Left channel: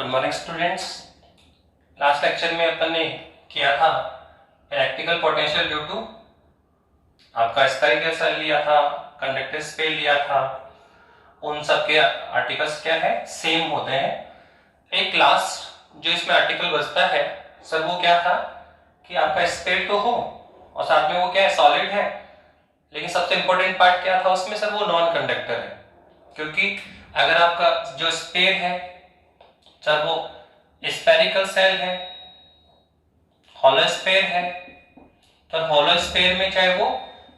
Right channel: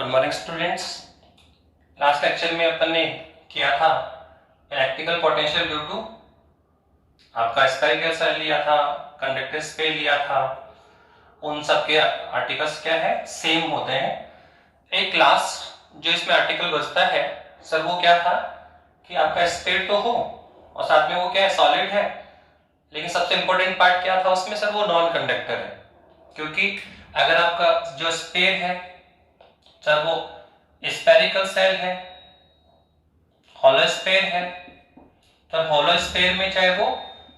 Good morning students. Last lecture में अपन ने किया था इलेक्ट्रिकल पोटेंशियल ड्यू टू आपका स्फेरिकल सेल लिया था, कंडक्टर स्पेल लिया था। उन सब के आर्टिकल्स क्या है, सेम होते हैं। एक लास्ट जो इसमें आर्टिकल बचता है सर वो क्या था कि आपका स्पेल तो हो और साथ में वो क्या है, सॉलिड है। लेकिन सबसे इंपॉर्टेंट पार्ट क्या था उसमें सर, वो नॉन कंडक्टर है। क्योंकि अगर आपका जो स्पेल है सर वो स्फेरिकल सेल है, हॉलो स्फेयर है, तो हॉलो स्फेयर में चाहे वो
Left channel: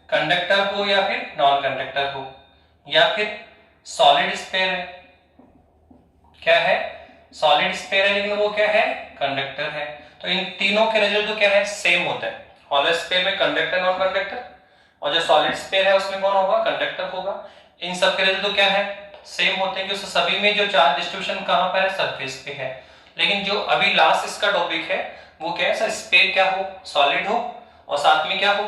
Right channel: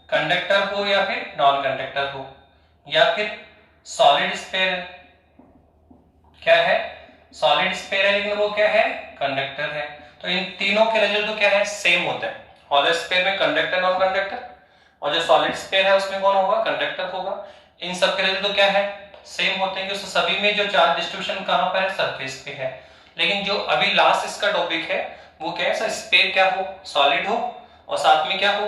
कंडक्टर हो या फिर नॉन कंडक्टर हो, या फिर सॉलिड स्फेयर है, क्या है, सॉलिड स्फेयर है लेकिन वो क्या है, कंडक्टर है। तो इन तीनों के रिजल्ट तो क्या है, सेम होता है। हॉलो स्फेयर में कंडक्टर नॉन कंडक्टर, और जो सॉलिड स्फेयर है उसमें कौन होगा, कंडक्टर होगा। इन सब के रिजल्ट तो क्या है, सेम होते हैं, कि सभी में जो चार्ज डिस्ट्रीब्यूशन कहां पर है, सरफेस पे है। लेकिन जो अभी लास्ट इसका टॉपिक है वो क्या है सर, स्फेयर क्या हो, सॉलिड हो, और साथ में क्या हो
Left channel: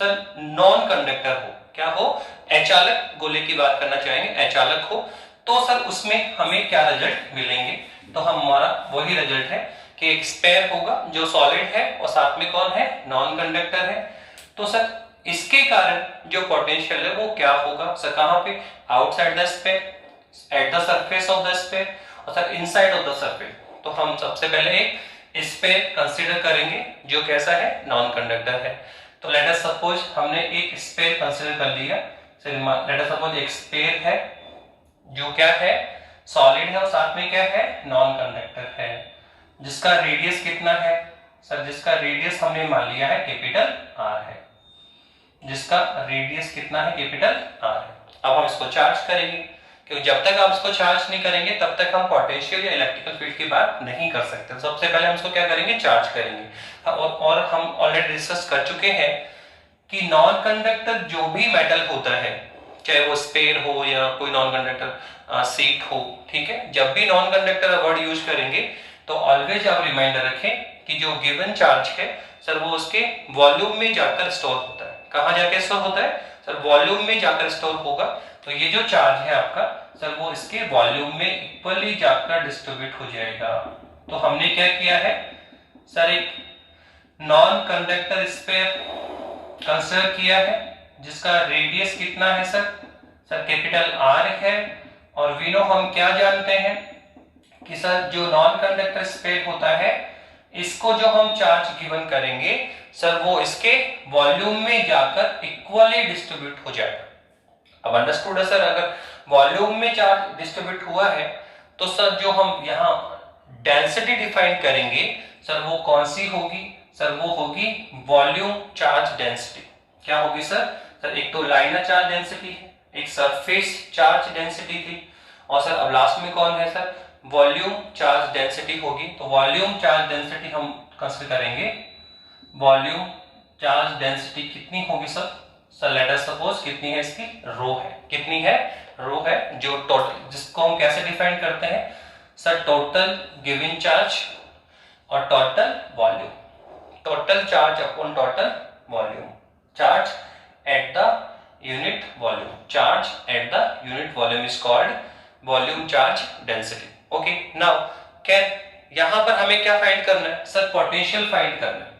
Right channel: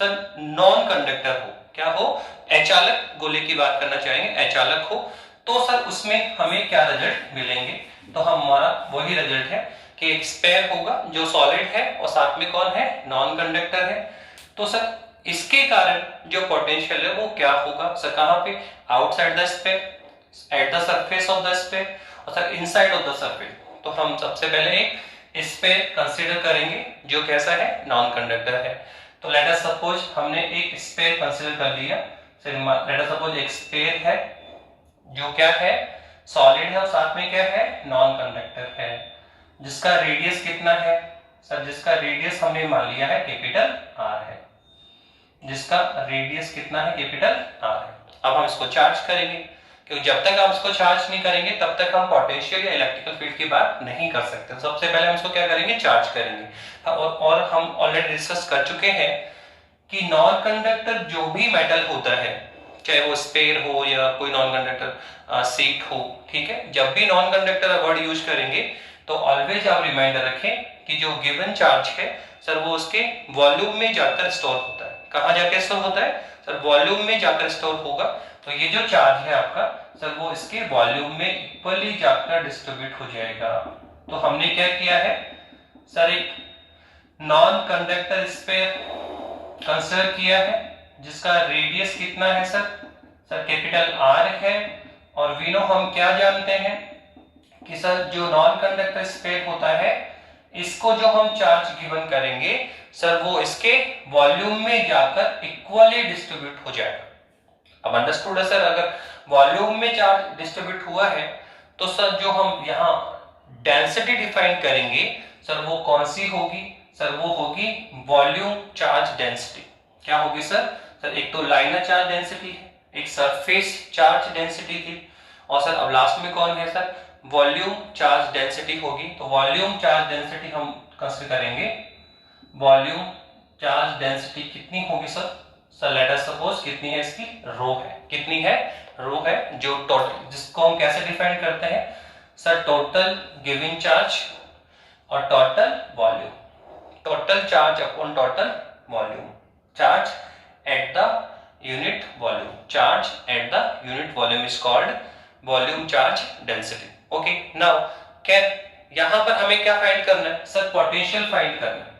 सर, नॉन कंडक्टर हो, क्या हो, अचालक गोले की बात करना चाहेंगे, अचालक हो। तो सर उसमें हमें क्या रिजल्ट मिलेंगे, तो हमारा वही रिजल्ट है कि एक स्फेयर होगा जो सॉलिड है और साथ में कौन है, नॉन कंडक्टर है। तो सर इसके कारण जो पोटेंशियल है वो क्या होगा सर, कहां पे, outside the sphere, at the surface of the sphere, और sir inside of the surface. तो हम सबसे पहले एक स्फेयर कंसीडर करेंगे जो कैसा है, नॉन कंडक्टर है। तो लेट अस सपोज हमने एक स्फेयर कंसीडर कर लिया। लेट अस सपोज एक स्फेयर है जो क्या है, सॉलिड है और साथ में क्या है, नॉन कंडक्टर है, जिसका रेडियस कितना है सर, जिसका रेडियस हमने मान लिया है कैपिटल आर है, जिसका रेडियस कितना है, कैपिटल आर है। अब हम इसको चार्ज करेंगे, क्योंकि जब तक आप इसको चार्ज नहीं करेंगे तब तक हम पोटेंशियल या इलेक्ट्रिकल फील्ड की बात नहीं कर सकते। सबसे पहले हम इसको क्या करेंगे, चार्ज करेंगे। और हम ऑलरेडी डिस्कस कर चुके हैं कि नॉन कंडक्टर जो भी मेटल होता है, चाहे वो स्पेयर हो या कोई नॉन कंडक्टर सीट हो, ठीक है, जब भी नॉन कंडक्टर वर्ड यूज करेंगे तो ऑलवेज आप रिमाइंडर रखें कि जो गिवन चार्ज है सर वो उसके वॉल्यूम में जाकर स्टोर होता है। कहां जाकर स्टोर होता है सर, वॉल्यूम में जाकर स्टोर होगा। तो ये जो चार्ज है आपका सर वो इसके वॉल्यूम में इक्वली जाकर डिस्ट्रीब्यूट हो जाएगा। तो हमने क्या किया है सर, एक नॉन कंडक्टर स्फेयर कंसीडर किया है जिसका रेडियस कितना है सर, कैपिटल आर है। और वी नो, हम क्या जानते हैं कि सर जो नॉन कंडक्टर स्फेयर होता है इसको जो हम चार्ज गिवन करेंगे सर वो इसके वॉल्यूम में जाकर इक्वली डिस्ट्रीब्यूट हो जाएगा। अब अंडरस्टूड है सर, अगर वॉल्यूम में चार्ज डिस्ट्रीब्यूट हुआ है तो सर जो हम यहाँ डेंसिटी डिफाइन करेंगे सर वो कौन सी होगी सर, वो होगी वॉल्यूम चार्ज डेंसिटी। क्या होगी सर, एक तो लाइनर चार्ज डेंसिटी है, एक सरफेस चार्ज डेंसिटी थी, और सर अब लास्ट में कौन है सर, वॉल्यूम चार्ज डेंसिटी होगी। तो वॉल्यूम चार्ज डेंसिटी हम कंसीडर करेंगे, वॉल्यूम चार्ज डेंसिटी कितनी होगी सर, लेट अस सपोज कितनी है, इसकी रो है, कितनी है, रो है, जो टोटल, जिसको हम कैसे डिफाइन करते हैं सर, टोटल गिवन चार्ज और total volume, total charge upon total volume, charge at the unit volume, charge at the unit volume is called volume charge density. Okay, now can यहां पर हमें क्या फाइंड करना है sir, potential find करना है।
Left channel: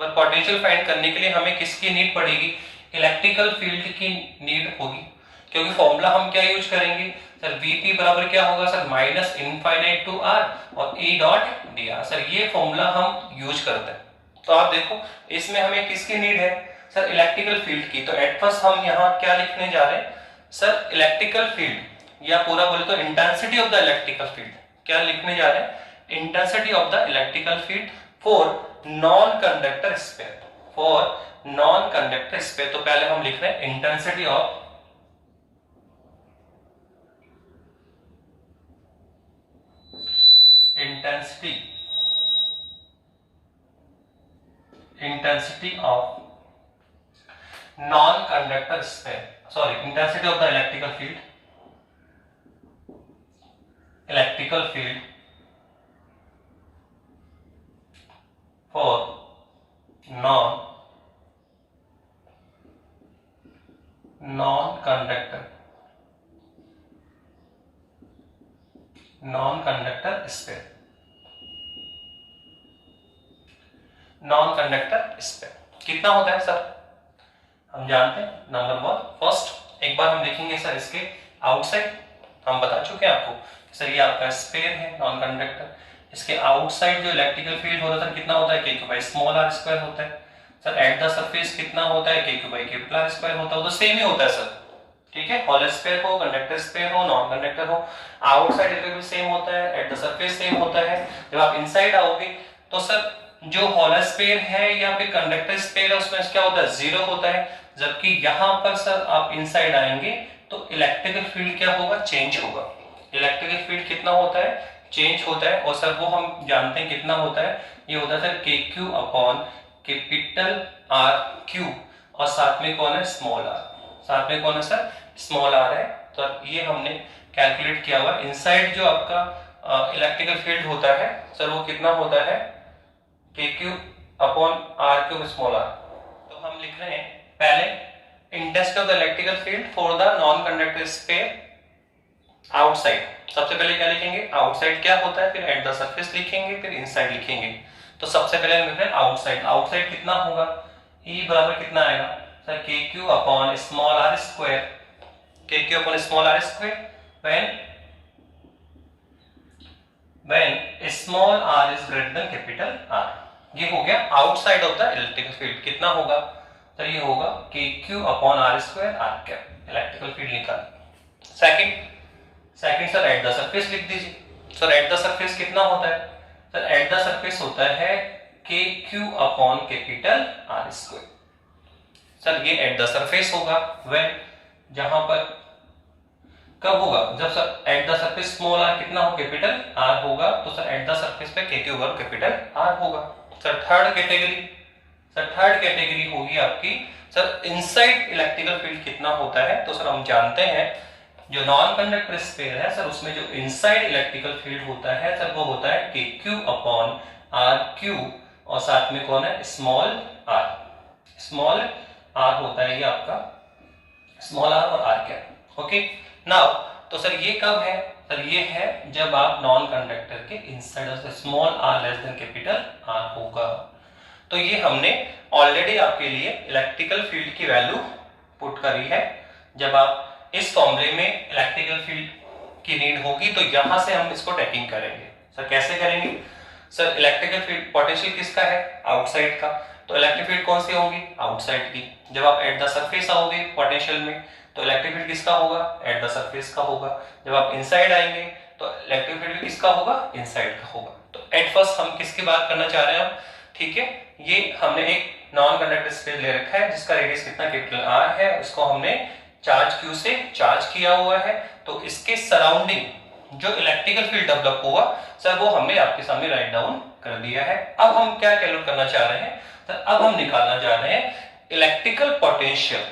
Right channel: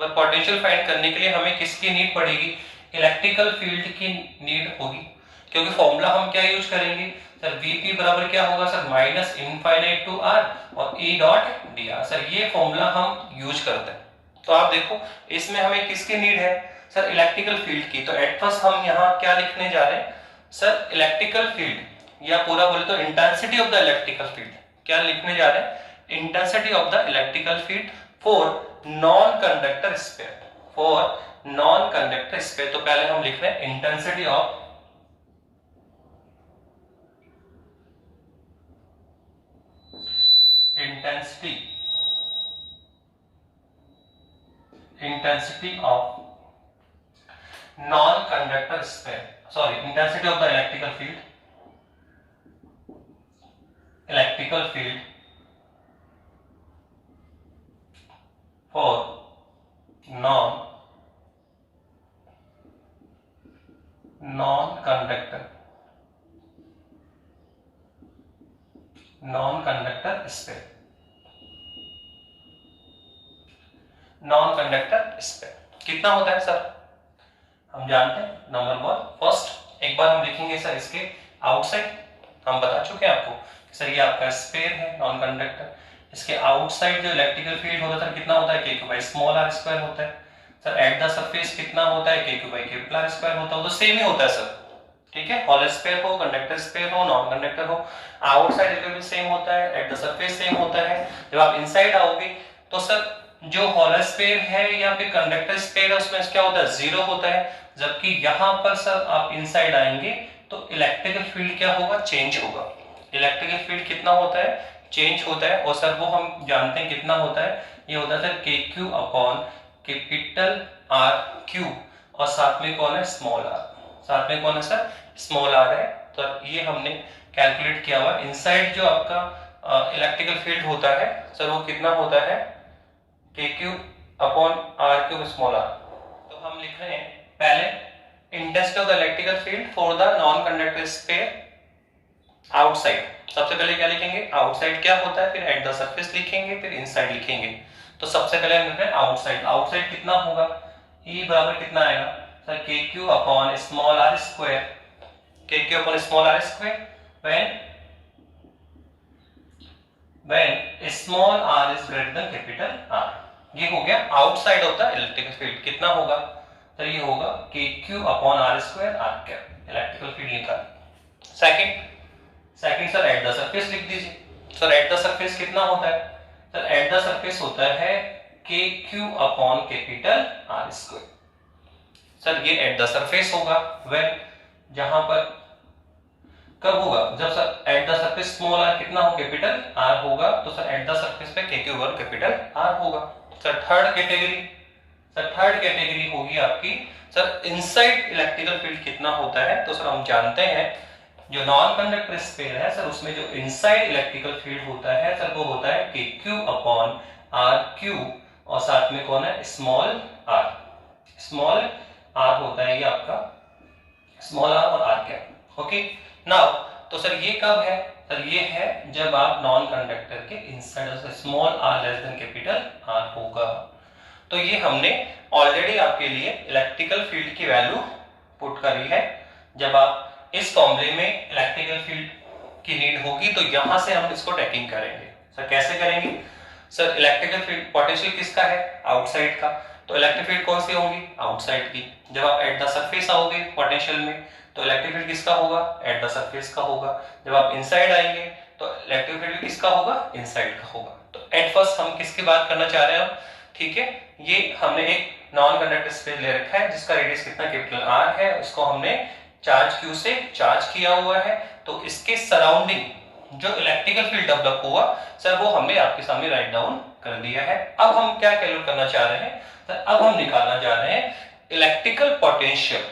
पर पोटेंशियल फाइंड करने के लिए हमें किसकी नीड पड़ेगी, इलेक्ट्रिकल फील्ड की नीड होगी। क्योंकि फॉर्मूला हम क्या यूज करेंगे सर, Vp बराबर क्या होगा sir, minus infinite to r और E dot d r. Sir ये फॉर्मूला हम यूज करते हैं। तो आप देखो इसमें हमें किसकी नीड है सर, इलेक्ट्रिकल फील्ड की। तो एट फर्स्ट हम यहाँ क्या लिखने जा रहे हैं सर, इलेक्ट्रिकल फील्ड, या पूरा बोले तो intensity of the electrical field. क्या लिखने जा रहे हैं, intensity of the electrical field for non conductor sphere, for non conductor sphere. तो पहले हम लिख रहे हैं intensity of intensity of non-conductor sphere, sorry, intensity of the electrical field for non-conductor sphere। Non conductor sphere कितना होता है sir, हम जानते हैं नंबर 1 फर्स्ट एक बार हम देखेंगे सर इसके आउटसाइड, हम बता चुके हैं आपको सर ये आपका स्पेयर है नॉन कंडक्टर, इसके आउटसाइड जो इलेक्ट्रिकल फील्ड होता है सर कितना होता है k Q by small r square होता है सर, एट द सरफेस कितना होता है k Q by capital R square होता है, वो तो सेम ही होता है सर, ठीक है, हॉल स्पेयर हो कंडक्टर स्पेयर हो नॉन कंडक्टर हो, आउटसाइड इलेक्ट्रिकल सेम होता है, एट द सरफेस सेम होता है। जब आप इनसाइड आओगे तो सर जो हॉल स्पेयर है या फिर कंडक्टर स्पेयर है उसमें क्या होता है, जीरो होता है, जबकि यहां पर सर आप इनसाइड आएंगे तो इलेक्ट्रिकल फील्ड क्या होगा, चेंज होगा, इलेक्ट्रिकल फील्ड कितना होता है, चेंज होता है, और सर वो हम जानते हैं कितना होता है, ये होता है k q upon capital are Q, और साथ में कौन है, स्मॉल आर, साथ में कौन है सर, स्मॉल आर है, तो ये हमने कैलकुलेट किया हुआ, इनसाइड जो आपका इलेक्ट्रिकल फील्ड होता है सर वो कितना होता है, k q upon r q small r, तो हम लिख रहे हैं पहले intensity of the electrical field for the non conductor sphere outside, सबसे पहले क्या लिखेंगे, आउटसाइड क्या होता है, फिर एट द सरफेस लिखेंगे, फिर इनसाइड लिखेंगे, तो सबसे पहले हम लिख रहे हैं आउटसाइड, आउटसाइड कितना होगा, E बराबर कितना आएगा sir, k q upon small r square, k q upon small r square when small r is greater than capital R, ये हो गया outside of the electrical field, कितना होगा सर, ये होगा k q upon r square r cap, electrical field निकाल। Second sir at the surface लिख दीजिए, सर एट द सरफेस कितना होता है सर, एट द सरफेस होता है k q upon capital r square, sir ये एट द सरफेस होगा, व्हेन जहां पर कब होगा, जब sir at the surface small r कितना हो, कैपिटल आर होगा, तो सर एट द सरफेस पे के क्यू ओवर कैपिटल आर होगा। सर थर्ड कैटेगरी होगी आपकी सर इनसाइड इलेक्ट्रिकल फील्ड कितना होता है, तो सर हम जानते हैं जो नॉन कंडक्टर स्पेयर है सर उसमें जो इनसाइड इलेक्ट्रिकल फील्ड होता है सर वो होता है k q upon r Q, और साथ में कौन है, स्मॉल आर होता है, ये आपका स्मॉल आर और आर कैप, ओके नाउ, तो सर ये कब है सर, ये है जब आप नॉन कंडक्टर के inside of small r less than capital r होगा, तो ये हमने ऑलरेडी आपके लिए इलेक्ट्रिकल फील्ड की वैल्यू पुट करी है, जब आप इस फॉर्मूले में इलेक्ट्रिकल फील्ड की नीड होगी तो यहां से हम इसको टेकिंग करेंगे, सर कैसे करेंगे सर, इलेक्ट्रिकल फील्ड पोटेंशियल किसका है, आउटसाइड का, तो इलेक्ट्रिक फील्ड कौन सी होगी, आउटसाइड की, जब आप एट द सरफेस आओगे पोटेंशियल में तो इलेक्ट्रिक फील्ड किसका होगा, एट द सरफेस का होगा, जब आप इनसाइड आएंगे तो इलेक्ट्रिक फील्ड किसका होगा, इनसाइड का होगा, तो एट फर्स्ट हम किसकी बात करना चाह रहे हैं हम, ठीक है, ये हमने एक नॉन कंडक्टर स्पेयर ले रखा है जिसका रेडियस कितना कैपिटल आर है, इसको हमने चार्ज क्यू से चार्ज किया हुआ है, तो इसके सराउंडिंग जो इलेक्ट्रिकल फील्ड डेवलप हुआ सर वो हमने आपके सामने राइट डाउन कर दिया है। अब हम क्या कैलकुलेट करना चाह रहे हैं सर, अब हम निकालना चाह रहे हैं electrical potential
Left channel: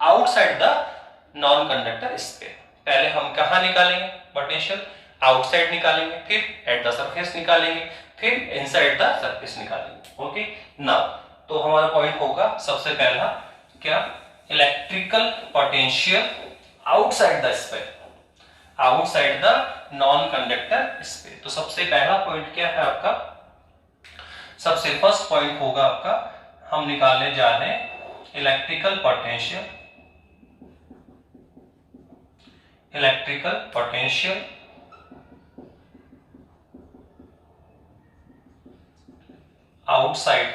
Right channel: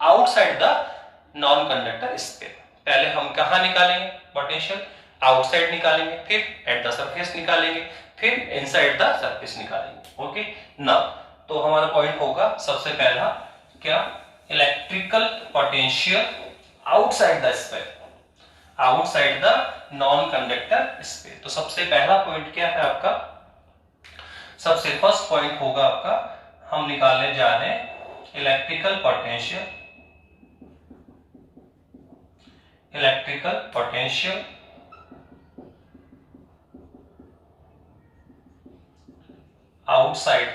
outside the non conductor sphere. पहले हम कहां निकालेंगे पोटेंशियल, आउटसाइड निकालेंगे, फिर एट द सरफेस निकालेंगे, फिर इनसाइड द सरफेस निकालेंगे, ओके नाउ, तो हमारा पॉइंट होगा सबसे पहला क्या, electrical potential outside the sphere, outside the non conductor sphere, तो सबसे पहला पॉइंट क्या है आपका, सबसे फर्स्ट पॉइंट होगा आपका, हम निकालने जा रहे हैं electrical potential outside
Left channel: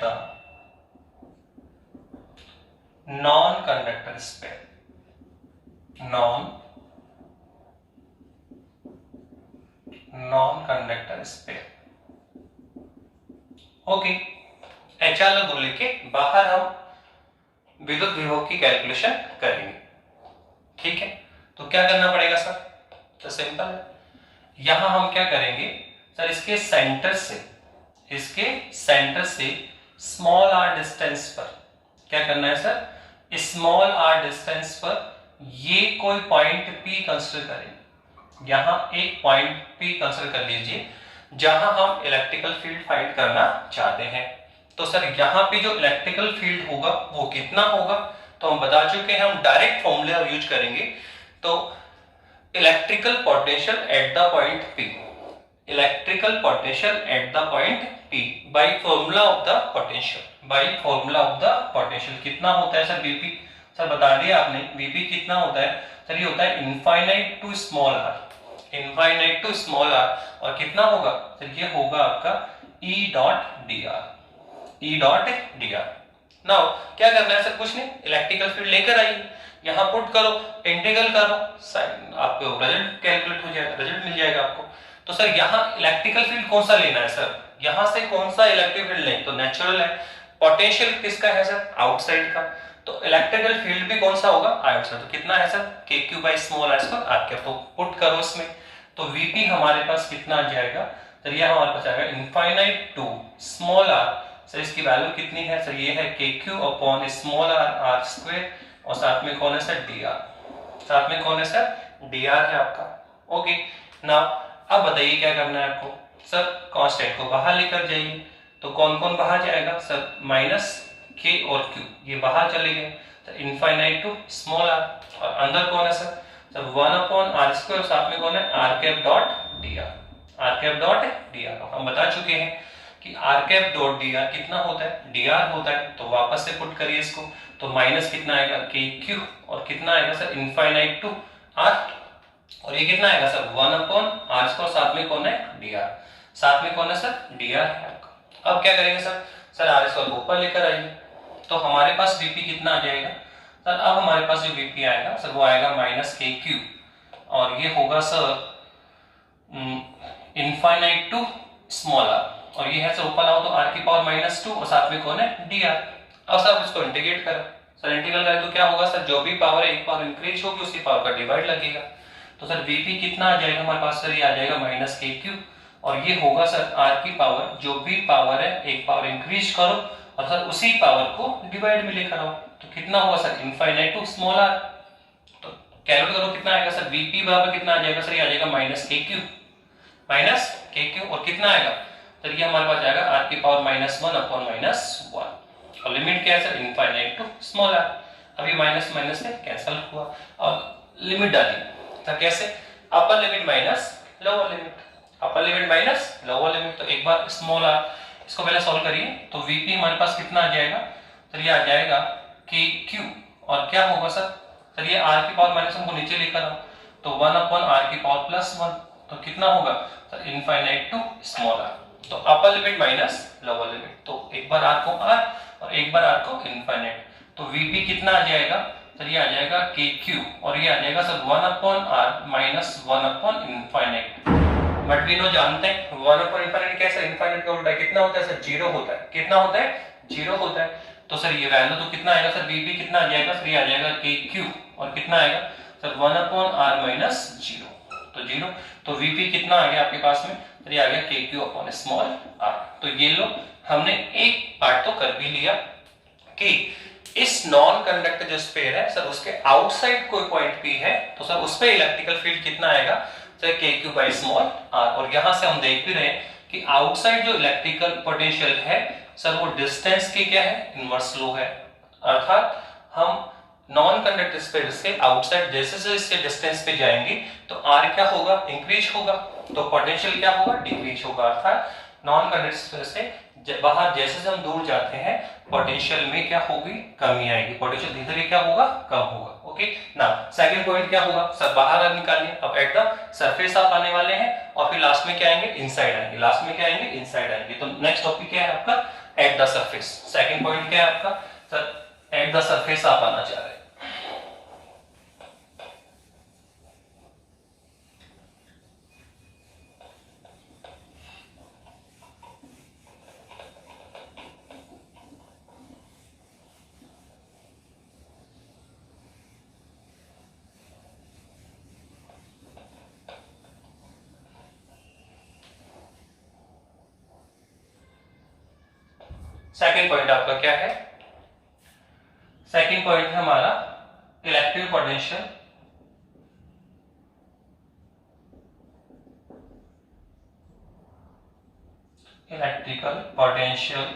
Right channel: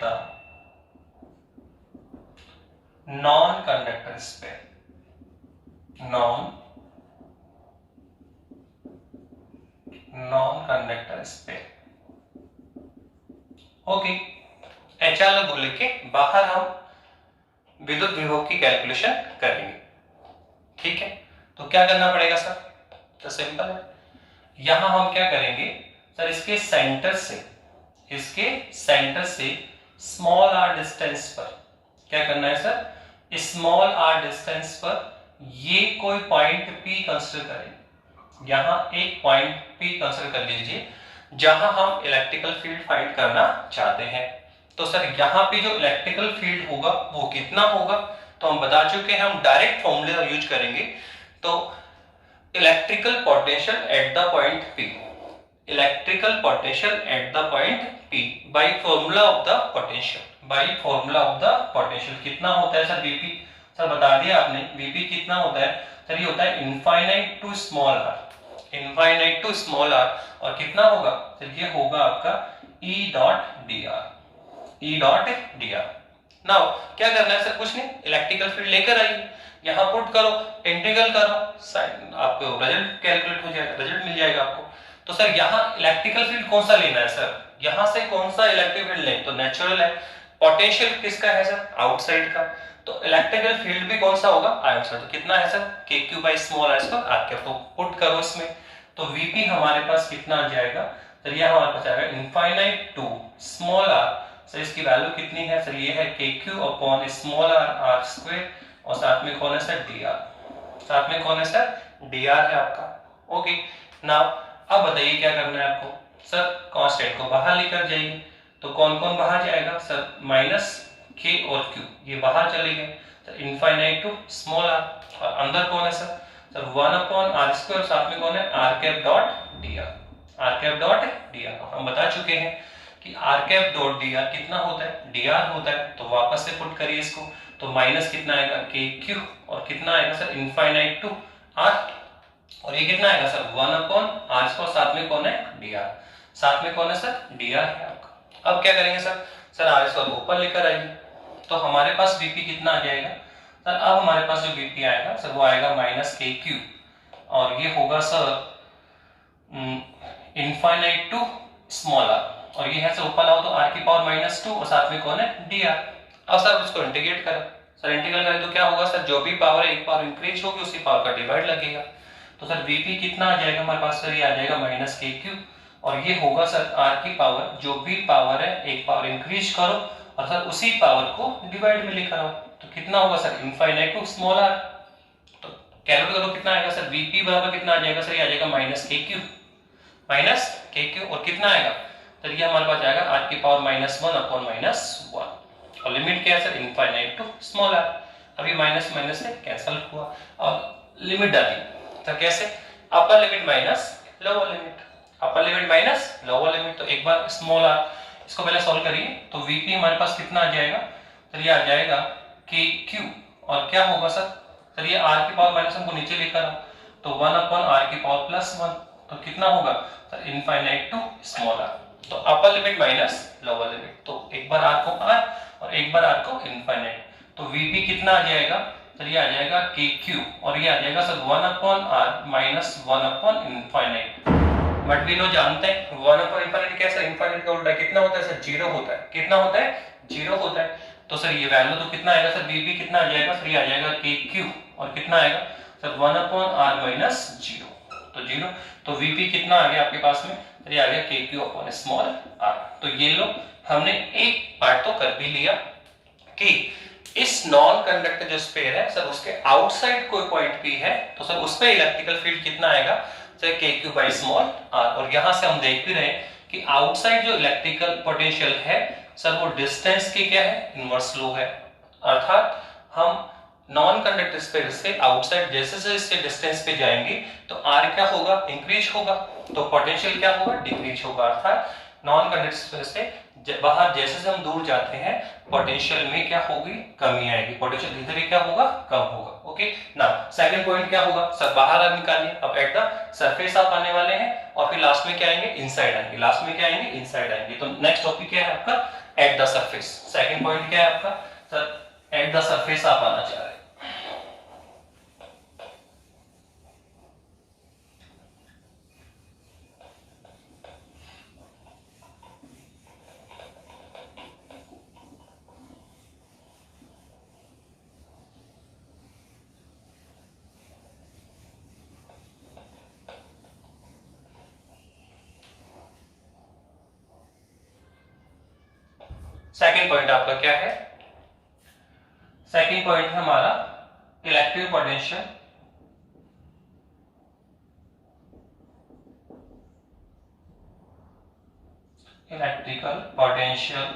the non-conductor sphere, non-conductor sphere, okay. HR को लेके बाहर हम विद्युत विभव की कैलकुलेशन करेंगे, ठीक है, तो क्या करना पड़ेगा सर, तो सिंपल है, यहां हम क्या करेंगे सर, इसके सेंटर से स्मॉल आर डिस्टेंस पर क्या करना है सर, स्मॉल आर डिस्टेंस पर ये कोई पॉइंट P कंसीडर करेंगे, यहां एक पॉइंट P कंसीडर कर लीजिए जहां हम इलेक्ट्रिकल फील्ड फाइंड करना चाहते हैं, तो सर यहां पे जो इलेक्ट्रिकल फील्ड होगा वो कितना होगा, तो हम बता चुके हैं, हम डायरेक्ट फॉर्मूला यूज करेंगे, तो electrical potential at the point P, electrical potential at the point P by formula of the potential, by formula of the potential. कितना होता है सर Vp? सर बता दिया आपने, Vp कितना होता है सर? ये होता है infinite to small r, infinite to small r। और कितना होगा सर? ये होगा आपका E dot dr, E dot dr। Now क्या करना है सर? कुछ नहीं, इलेक्ट्रिकल फील्ड लेकर आइए, यहाँ पुट करो, इंटीग्रल करो, आपको रिजल्ट कैलकुलेट हो जाएगा, रिजल्ट मिल जाएगा आपको। तो सर यहाँ इलेक्ट्रिकल फील्ड कौन सा लेना है सर? यहाँ से कौन सा इलेक्ट्रिक फील्ड लें? तो नेचुरल है। पोटेंशियल किसका है सर? आउटसाइड का। तो इलेक्ट्रिकल फील्ड भी कौन सा होगा? आउटसाइड। तो कितना है sir? KQ by small r square r cap. तो पुट करो इसमें, तो Vp हमारे पास कितना आ जाएगा सर? ये हमारे पास आएगा infinite to small r। Sir इसकी वैल्यू कितनी है सर? ये है KQ upon small r r square, और साथ में कौन है सर? dr। साथ में कौन है सर? dr है आपका। ओके ना, अब बताइए क्या करना है आपको सर? कांस्टेंट को बाहर लेकर जाइए, तो कौन कौन बाहर जाएगा सर? माइनस k और q, ये बाहर चले गए। तो इनफाइनाइट टू स्मॉल r, और अंदर कौन है sir? Sir 1 upon r square, साथ में कौन है? r cap dot dr, r cap dot dr। हम बता चुके हैं कि r कैप डॉट dr कितना होता है? dr होता है। तो वापस से पुट करिए इसको, तो माइनस कितना आएगा? KQ, और कितना आएगा सर? इनफाइनाइट टू r, और ये कितना आएगा सर? 1 अपॉन r स्क्वायर, साथ में कौन है? dr। साथ में कौन है सर? dr है आपका। अब क्या करेंगे सर? सर r स्क्वायर को ऊपर लेकर आइए, तो हमारे पास Vp कितना आ जाएगा सर? अब हमारे पास जो Vp आएगा सर, वो आएगा माइनस KQ, और ये होगा sir infinite to small r, और ये है सर ऊपर आओ तो r की पावर माइनस 2, और साथ में कौन है? dr। अब सर इसको इंटीग्रेट करें, सर इंटीग्रेट करें तो क्या होगा सर? जो भी पावर एक पावर इंक्रीज होगी उसकी पावर का डिवाइड लगेगा। तो सर Vp कितना आ जाएगा हमारे पास सर? ये आ जाएगा माइनस KQ, और ये होगा सर r की पावर, जो भी पावर है एक पावर इंक्रीज करो और सर उसी पावर को डिवाइड में लेकर आओ, तो कितना होगा sir? Infinite to small r। तो कैलकुलेट करो कितना आएगा सर? Vp बराबर कितना आ जाएगा सर? ये आ जाएगा माइनस KQ, माइनस KQ, और कितना आएगा तो ये हमारे पास जाएगा r की पावर माइनस 1 अपॉन माइनस 1, और लिमिट क्या है sir? Infinite to small r। अभी माइनस माइनस से कैंसिल हुआ, और लिमिट डाली, तो कैसे? Upper limit minus lower limit, upper limit minus lower limit. तो एक बार स्मॉल r इसको पहले सॉल्व करिए, तो Vp हमारे पास कितना आ जाएगा? तो ये आ जाएगा KQ, और क्या होगा सर? सर ये r की पावर माइनस 1 को नीचे लेकर आओ, तो 1 अपॉन r की पावर प्लस 1, तो कितना होगा sir? Infinite to small r। तो upper limit minus lower limit, तो एक बार r को r और एक बार r को इनफाइनाइट, तो Vp कितना आ जाएगा सर? ये आ जाएगा KQ, और ये आ जाएगा sir 1 upon r minus 1 upon infinite. But we know जानते हैं 1 अपॉन इनफाइनाइट कैसे? इनफाइनाइट का उल्टा कितना होता है सर? 0 होता है। कितना होता है? 0 होता है। तो सर ये वैल्यू तो कितना आएगा सर? Vp कितना आ जाएगा सर? ये आ जाएगा KQ, और कितना आएगा सर? 1 अपॉन r माइनस 0, तो 0। तो Vp कितना आ गया आपके पास में? तो ये आ गया KQ अपॉन स्मॉल r। तो ये लो, हमने एक पार्ट तो कर भी लिया कि इस नॉन कंडक्टर जो स्फीयर है सर, उसके आउटसाइड कोई पॉइंट P है, तो सर उस पे इलेक्ट्रिकल फील्ड कितना आएगा sir? KQ by small r। और यहां से हम देख भी रहे हैं कि आउटसाइड जो इलेक्ट्रिकल पोटेंशियल है सर, वो डिस्टेंस की क्या है? इनवर्स लो है। अर्थात हम नॉन कंडक्टर स्फीयर से आउटसाइड जैसे जैसे इसके डिस्टेंस पे जाएंगे तो r क्या होगा? इंक्रीज होगा, तो पोटेंशियल क्या होगा? डिक्रीज होगा। अर्थात नॉन कंडक्टर स्फीयर से बाहर जैसे जैसे हम दूर जाते हैं, पोटेंशियल में क्या होगी? कमी आएगी, पोटेंशियल धीरे धीरे क्या होगा? कम होगा। ओके ना, सेकंड पॉइंट क्या होगा सर? बाहर निकालिए। अब एट द सरफेस आप आने वाले हैं, और फिर लास्ट में क्या आएंगे? इनसाइड आएंगे। लास्ट में क्या आएंगे? इनसाइड आएंगे। तो नेक्स्ट टॉपिक क्या है आपका? Eight the surface. Second point क्या है आपका सर? एट द सरफेस आप आना चाह रहे हैं। सेकंड पॉइंट आपका क्या है? सेकंड पॉइंट है हमारा electric potential, electrical potential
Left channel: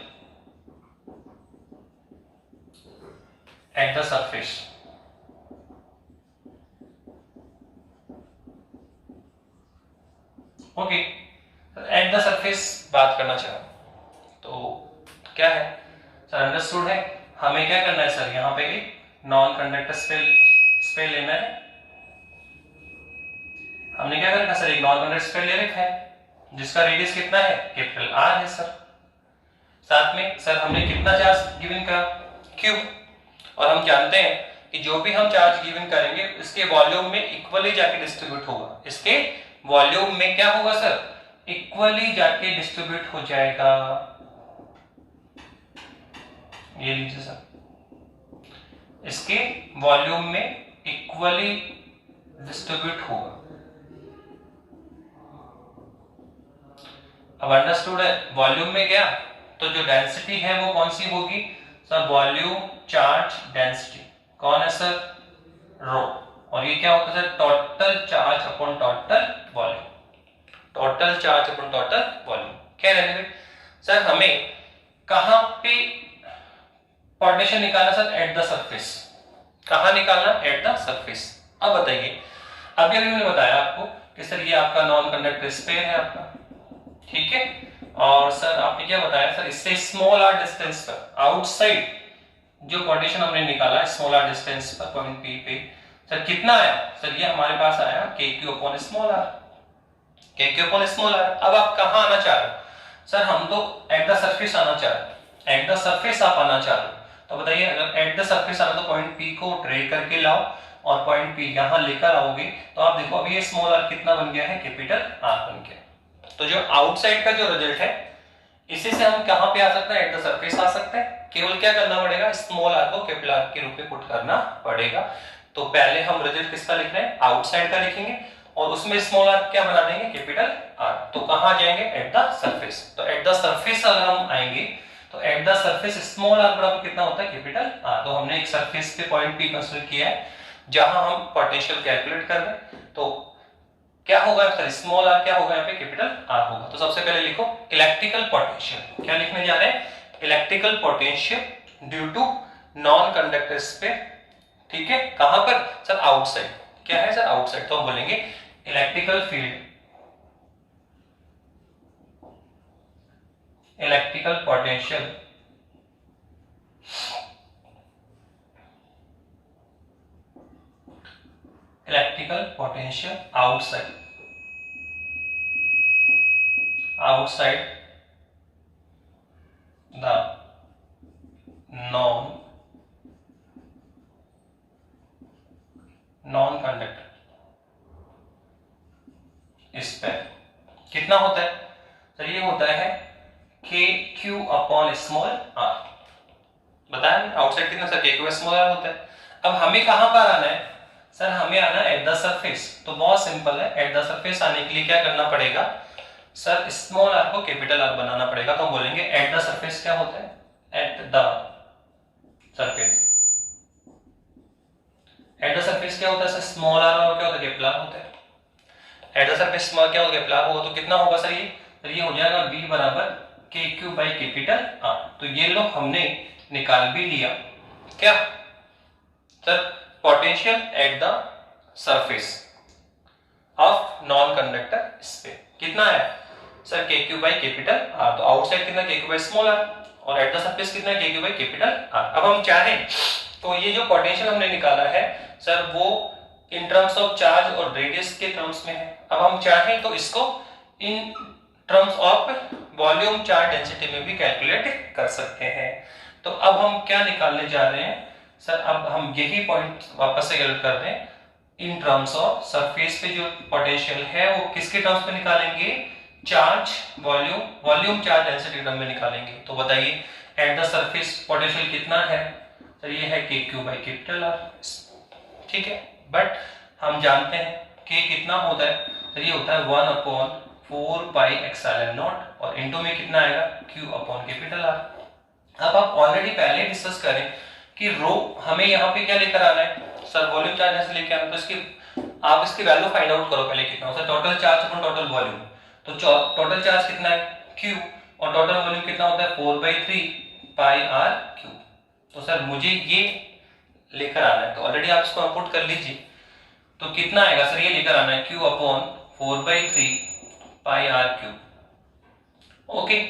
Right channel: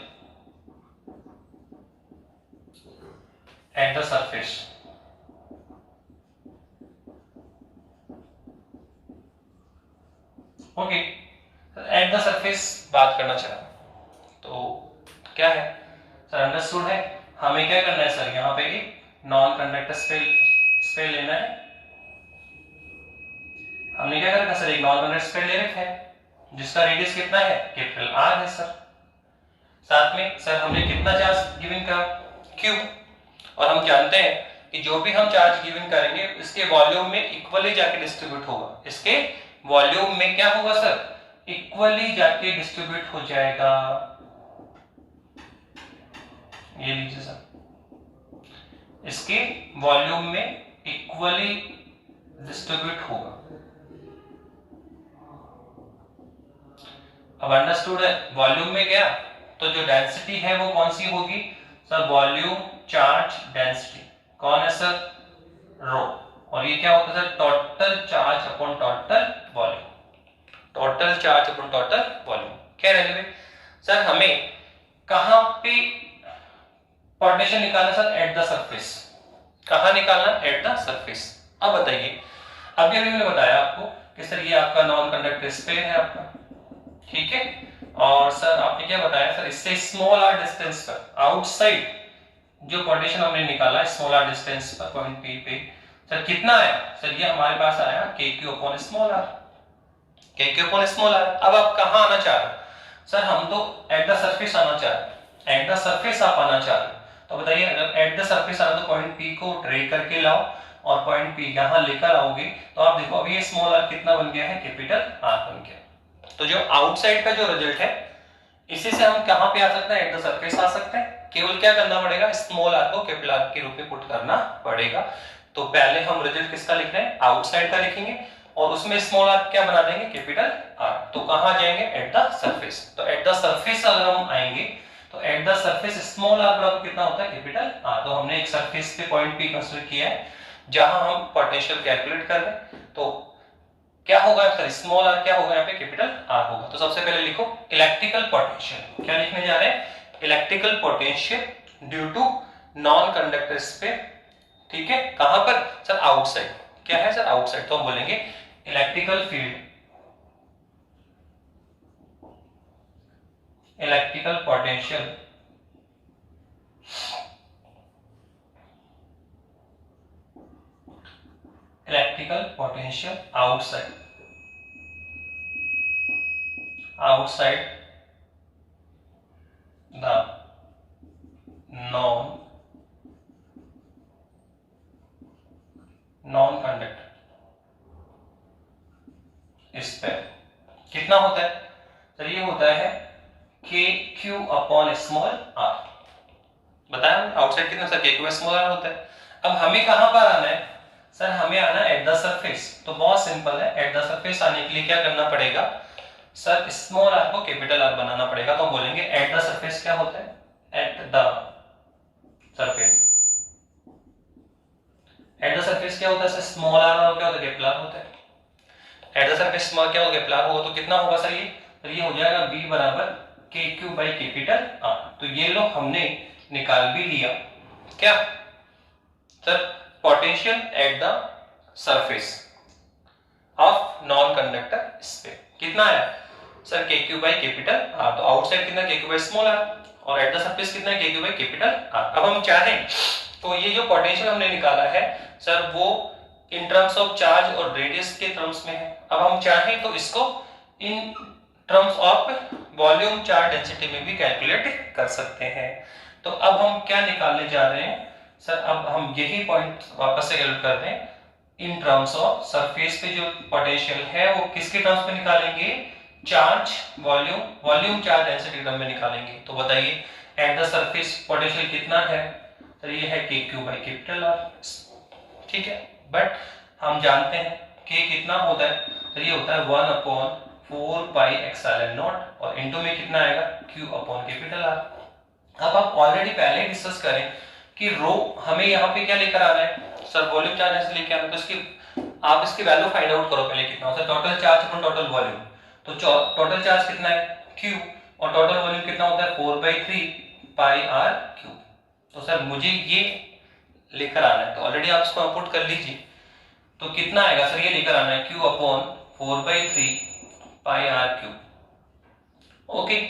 at the surface. Okay eight the surface बात करना चाह रहा हूं, तो क्या है सर, अंडरस्टूड है। हमें क्या करना है सर, यहाँ पे एक नॉन कंडक्टर स्पेल लेना है। हमने क्या करना सर, एक नॉन कंडक्टर स्पेल ले रखा है जिसका रेडियस कितना है, कैपिटल आर है सर। साथ में सर हमने कितना चार्ज गिवन का, क्यू, और हम जानते हैं कि जो भी हम चार्ज गिवन करेंगे इसके वॉल्यूम में इक्वली जाके डिस्ट्रीब्यूट होगा। इसके वॉल्यूम में क्या होगा सर, इक्वली जाके डिस्ट्रीब्यूट हो जाएगा। ये लीजिए सर, इसके वॉल्यूम में इक्वली डिस्ट्रीब्यूट होगा। अब अंडरस्टूड है, वॉल्यूम में गया तो जो डेंसिटी है वो कौन सी होगी सर, वॉल्यूम चार्ज डेंसिटी। कौन है सर, रो। और ये क्या होता है, total charge upon total volume, total charge upon total volume. क्या रहने सर, हमें कहां पे पोटेंशियल निकालना सर, एट द सरफेस। कहां निकालना, एट द सरफेस। अब बताइए, अभी मैंने बताया आपको कि सर ये आपका नॉन कंडक्टर स्पेयर है आपका, ठीक है। और सर आपने क्या बताया सर, इससे स्मॉल आर डिस्टेंस पर आउटसाइड जो पोटेंशियल हमने निकाला स्मॉल आर डिस्टेंस पर पॉइंट पी पे, सर कितना आया सर, ये हमारे पास आया KQ upon small r, KQ upon small r. अब आप कहां आना चाह रहे हो सर, हम तो एट द सरफेस आना चाह रहे हैं, एट द सरफेस आप आना चाह रहे हो। तो बताइए, अगर एट द सरफेस आना तो पॉइंट P को ड्रैग करके लाओ और पॉइंट P यहां लेकर आओगे तो आप देखो अभी ये स्मॉल आर कितना बन गया है, कैपिटल आर बन गया। तो जो आउटसाइड का जो रिजल्ट है इसी से हम कहां पे आ सकते हैं, एट द सरफेस आ सकते हैं। केवल क्या करना पड़ेगा, स्मॉल आर को कैपिटल आर के रूप में पुट करना पड़ेगा। तो पहले हम रिजल्ट किसका लिख रहे हैं, आउटसाइड का लिखेंगे और उसमें स्मॉल आर क्या बना देंगे, कैपिटल आर। तो कहां जाएंगे, एट द सरफेस। तो एट द सरफेस अगर हम आएंगे तो at the surface small r बराबर कितना होता है, कैपिटल आर। तो हमने एक सरफेस पे पॉइंट P कंसीडर किया है जहां हम पोटेंशियल कैलकुलेट कर रहे हैं। तो क्या होगा सर, स्मॉल आर क्या होगा यहाँ पे, कैपिटल आर होगा। तो सबसे पहले लिखो इलेक्ट्रिकल पोटेंशियल। क्या लिखने जा रहे हैं, electrical potential due to non conductor sphere, ठीक है। कहां पर सर, आउटसाइड। क्या है सर, आउटसाइड। तो हम बोलेंगे electrical field, electrical potential electrical potential outside, outside the non conductor sphere. कितना होता है सर, ये होता है KQ अपॉन स्मॉल आर। बताया आउटसाइड कितना सर, KQ स्मॉल आर होता है। अब हमें कहां पर आना है सर, हमें आना है एट द सरफेस। तो बहुत सिंपल है, एट द सरफेस आने के लिए क्या करना पड़ेगा सर, स्मॉल आर को कैपिटल आर बनाना पड़ेगा। तो हम बोलेंगे एट द सरफेस क्या होता है, eight the surface. Eight the surface क्या होता है सर, स्मॉल आर और क्या होता है, कैपिटल आर होता है। एट द सरफेस स्मॉल क्या होगा, कैपिटल आर होगा। तो कितना होगा सर, ये हो जाएगा B बराबर KQ बाई कैपिटल आर। तो ये लो हमने निकाल भी लिया क्या sir, potential at the surface of non conductor sphere. कितना है sir, KQ by capital r. तो आउटसाइड कितना, KQ बाई स्मॉल आर, और एट द सरफेस कितना है, KQ बाई कैपिटल आर। अब हम चाहें तो ये जो पोटेंशियल हमने निकाला है सर, वो इन टर्म्स ऑफ चार्ज और रेडियस के टर्म्स में है। अब हम चाहें तो इसको in terms of volume charge density में भी कैलकुलेट कर सकते हैं। तो अब हम क्या निकालने जा रहे हैं सर, अब हम यही पॉइंट वापस से कैलकुलेट कर दें इन टर्म्स ऑफ सरफेस पे जो पोटेंशियल है वो किसके टर्म्स में निकालेंगे, charge volume, volume charge density term में निकालेंगे। तो बताइए एट द सरफेस पोटेंशियल कितना है सर, ये है KQ बाई कैपिटल आर, ठीक है। बट हम जानते हैं K कितना होता है सर, ये होता है 1 अपॉन 4 पाई एप्सिलॉन नॉट, और इनटू में कितना आएगा, Q अपॉन कैपिटल आर। अब आप ऑलरेडी पहले डिस्कस करें कि रो हमें यहाँ पे क्या लेकर आना है सर, वॉल्यूम चार्ज डेंसिटी लेके आना है। तो इसकी आप इसकी वैल्यू फाइंड आउट करो पहले कितना होता है, total charge upon total volume. तो टोटल चार्ज कितना है Q और टोटल वॉल्यूम कितना होता है 4/3 पाई आर क्यूब। तो सर मुझे ये लेकर आना है, तो ऑलरेडी आप इसको पुट कर लीजिए। तो कितना आएगा सर, ये लेकर आना है Q upon 4/3 pi r cube, okay,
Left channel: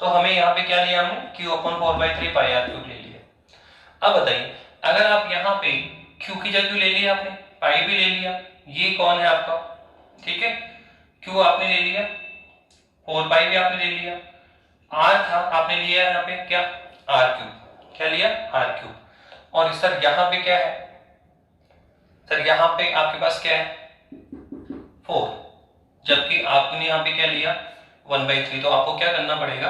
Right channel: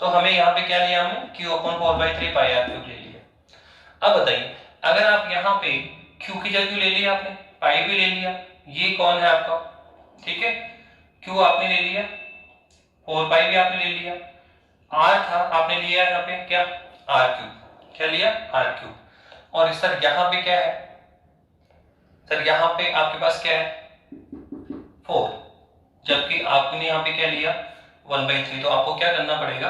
तो हमें यहाँ पे क्या लिया हमने, Q upon 4/3 pi r cube ले लिया। अब बताइए अगर आप यहाँ पे Q की जगह ले लिया आपने, पाई भी ले लिया, ये कौन है आपका, ठीक है, Q आपने ले लिया, 4 पाई भी आपने ले लिया, R था आपने लिया यहाँ पे क्या, आर क्यूब, क्या लिया, आर क्यूब। और सर यहाँ पे क्या है, सर यहाँ पे आपके पास क्या है 4, जबकि आपने यहाँ पे क्या लिया 1/3, तो आपको क्या करना पड़ेगा